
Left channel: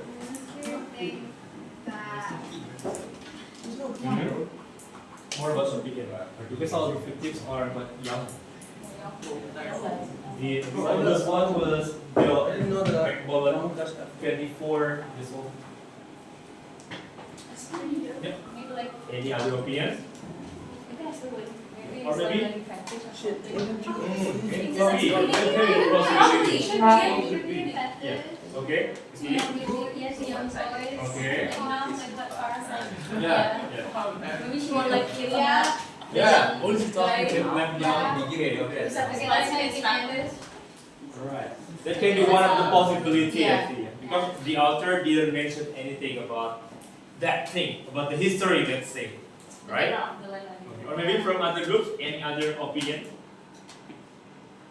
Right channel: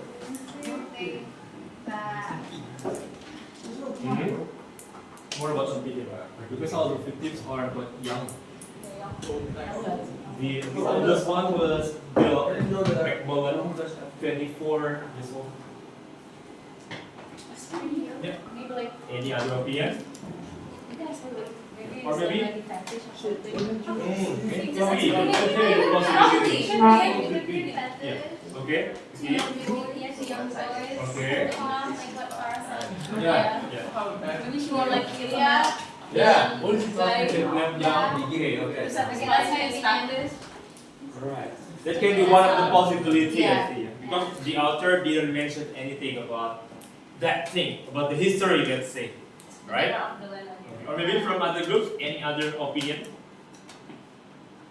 More about the opinion. Because all the victims are but young. The oldest one was Bill McMullen, 24 years old. Yeah. Maybe like. Any other opinion? Maybe Or it's maybe- like a fetish or something. Yeah. Okay. See? Okay. Yeah. Yeah. Maybe she want like kill him. Yeah. Alright. That can be one of the possibilities, Yeah. I think. Because the author didn't mention anything about that thing, about the history, let's say. Right? Okay. Or maybe from other groups, any other opinion?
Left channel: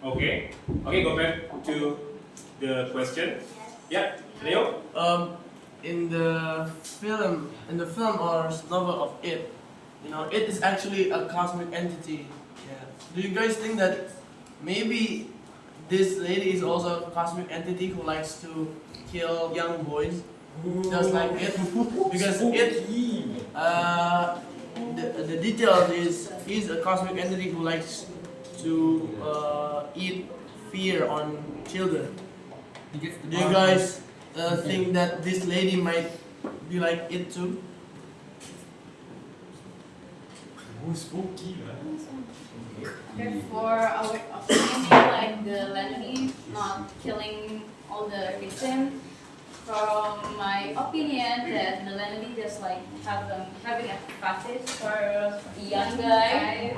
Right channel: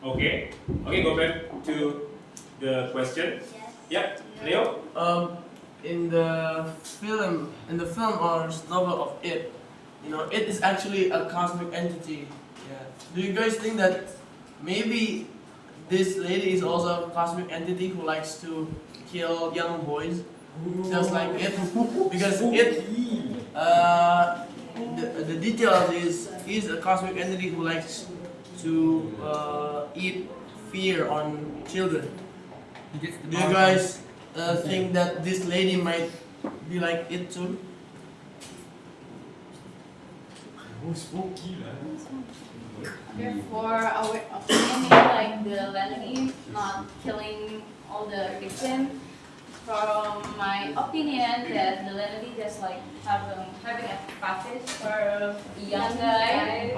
Okay. Okay, go back to the question. Yep. Leo? In the film or novel of It, It is actually a cosmic entity. Yeah. Do you guys think that maybe this lady is also a cosmic entity who likes to kill young boys, just like It? Because It, the detail is he's a cosmic entity who likes to eat fear on children. Do you guys think that this lady might be like It too? Therefore, our opinion is like the landlady not killing all the victims. From my opinion, that the landlady just like having a fetish for the young guy.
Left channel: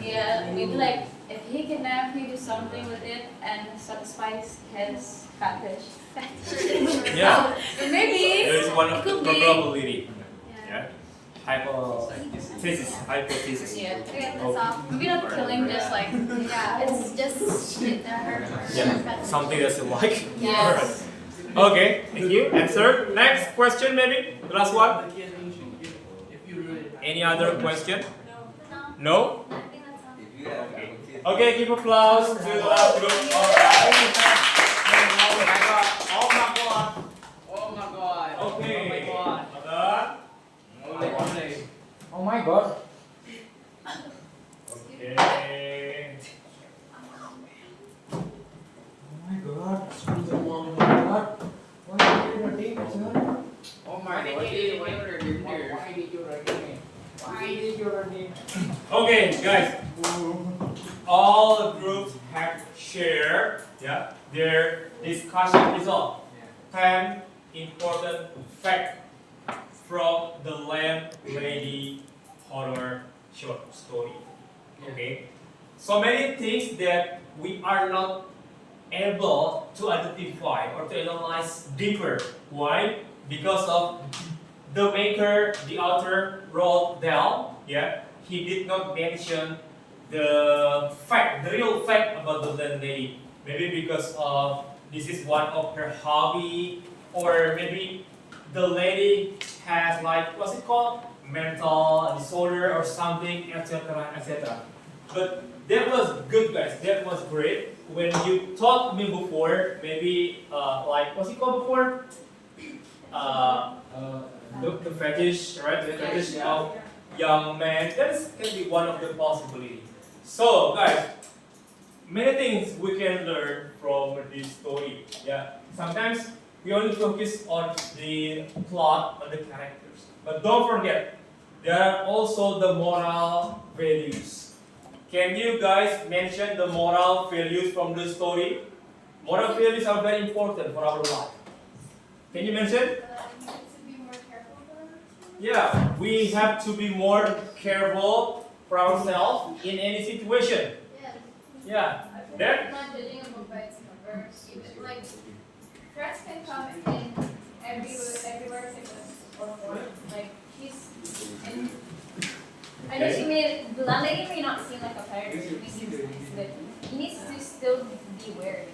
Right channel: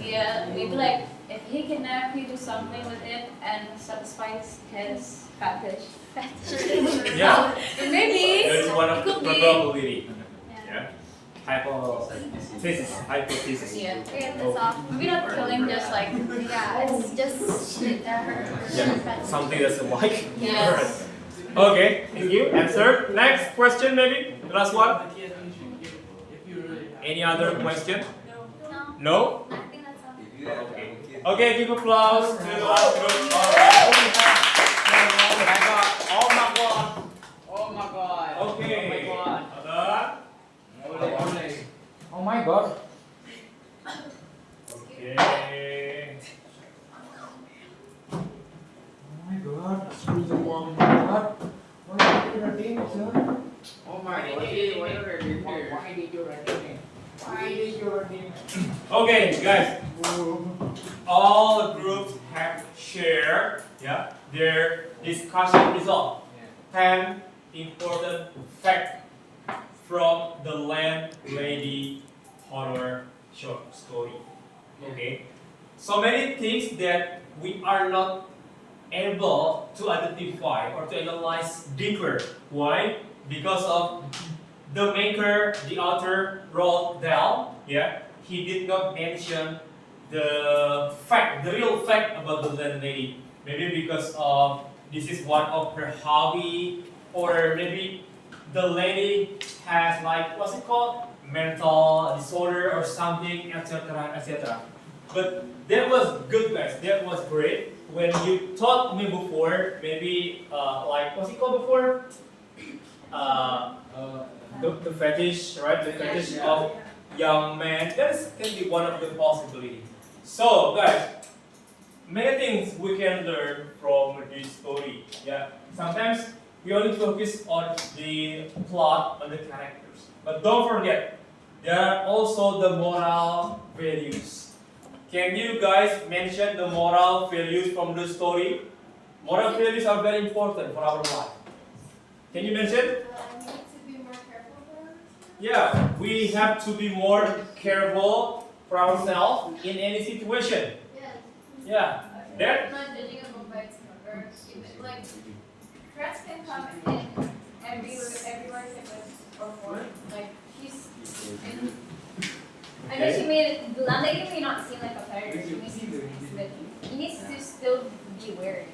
Yeah, maybe like if he kidnap, he do something with it and satisfies his fetish. Yeah. Maybe There's one of the could be. probability. Yeah. Hypothesis. Yeah. Okay, that's all. Maybe not killing, just like Yeah, it's just her. Yeah. Something that's like. Yeah. Alright. Okay, thank you. Answer. Next question, maybe? The last one? Any other question? No? Okay, give applause to the last group. Alright. Oh my god. Oh my god. Okay. Other? Oh my god. Okay. Oh my god. Oh my god. Why did you retain it, sir? Oh my god. Why did you retain it? Okay, guys. All groups have shared their discussion result. 10 important facts from the Landlady horror short story. Okay, so many things that we are not able to identify or to analyze deeper. Why? Because of the maker, the author, Roald Dahl. Yeah, he did not mention the fact, the real fact about the landlady. Maybe because of this is one of her hobby, or maybe the lady has like what's it called, mental disorder or something, etc., etc. But that was good, guys. That was great. When you taught me before, maybe like what's it called before? The fetish, right? The fetish of young man. Can be one of the possibility. So guys, many things we can learn from this story. Yeah, sometimes we only focus on the plot, on the characters, but don't forget there are also the moral values. Can you guys mention the moral values from the story? Moral values are very important for our life. Can you mention? Yeah, we have to be more careful for ourselves in any situation. Yeah. Then? Not judging a book by its cover. Even, like, threats can come in everywhere type of form. Like, he's in. I know she made the landlady may not seem like a predator. She may seem nice, but he needs to still be aware.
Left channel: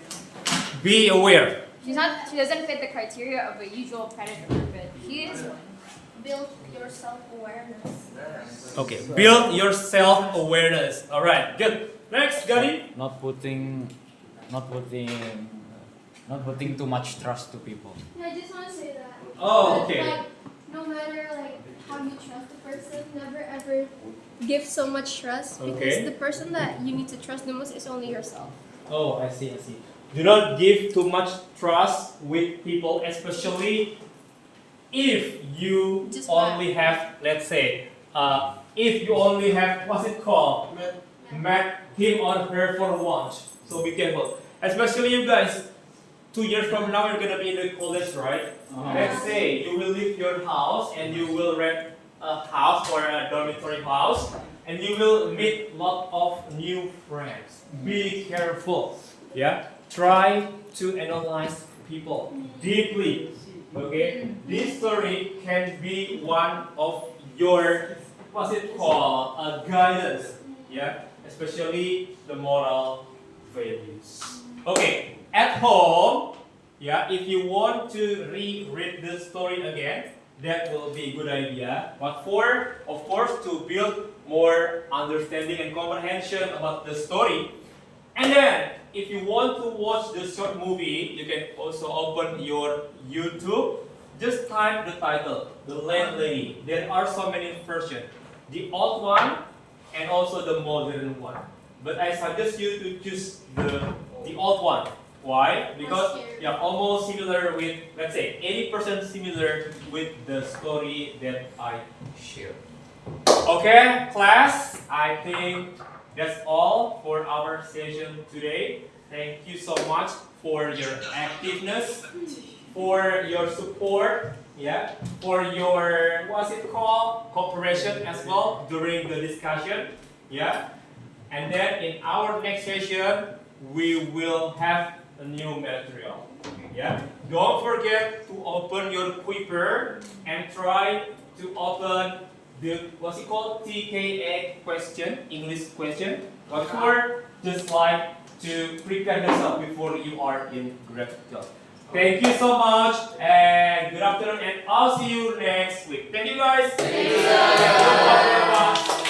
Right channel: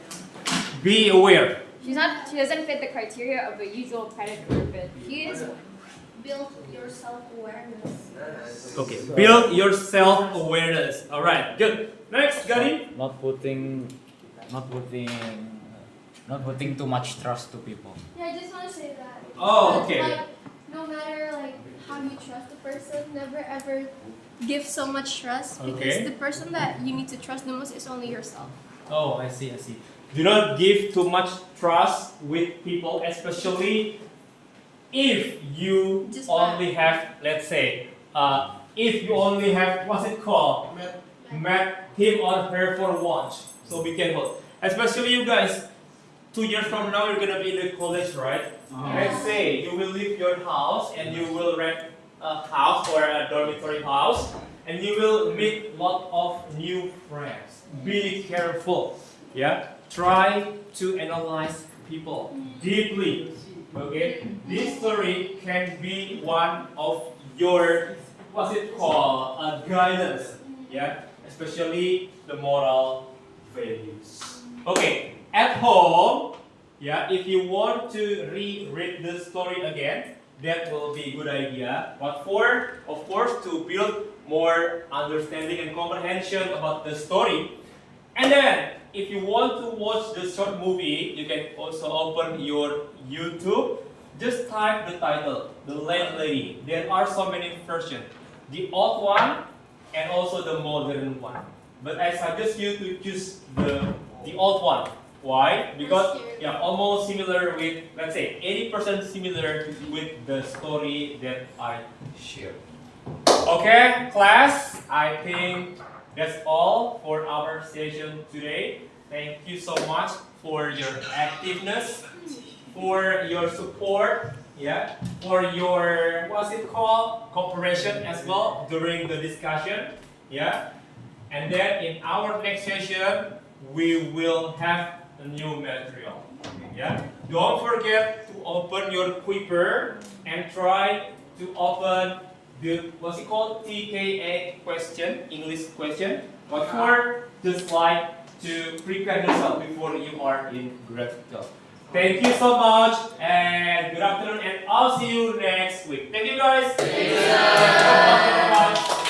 Be aware. She doesn't fit the criteria of a usual predator, but he is one. Build your self-awareness. Okay. Build your self-awareness. All right. Good. Next, Gadi. Not putting too much trust to people. Yeah, I just want to say that. Oh, okay. Like, no matter like how you trust a person, never ever give so much trust because Okay. the person that you need to trust the most is only yourself. Oh, I see. Do not give too much trust with people, especially if you Just only have, let's say, if you only have, what's it called? Met him or her for once. So be careful. Especially you guys, 2 years from now you're gonna be in the college, right? Let's say you will leave your house and you will rent a house or a dormitory house and you will meet lot of new friends. Be careful. Yeah? Try to analyze people deeply. Okay? This story can be one of your, what's it called? Guidance. Yeah? Especially the moral values. Okay, at home, yeah, if you want to reread the story again, that will be a good idea. What for? Of course, to build more understanding and comprehension about the story. And then, if you want to watch the short movie, you can also open your YouTube. Just type the title, The Landlady. There are so many versions. The old one and also the modern one. But I suggest you to choose the old one. Why? Because yeah, almost similar with, let's say, 80% similar with the story that I shared. Okay, class, I think that's all for our session today. Thank you so much for your activeness, for your support, yeah, for your, what's it called, cooperation as well during the discussion, yeah. And then in our next session, we will have a new material, yeah. Don't forget to open your Quipper and try to open the, what's it called, TKA question, English question. What for? Just like to prepare yourself before you are in grade 12. Thank you so much and good afternoon, and I'll see you next week. Thank you guys. Thank you.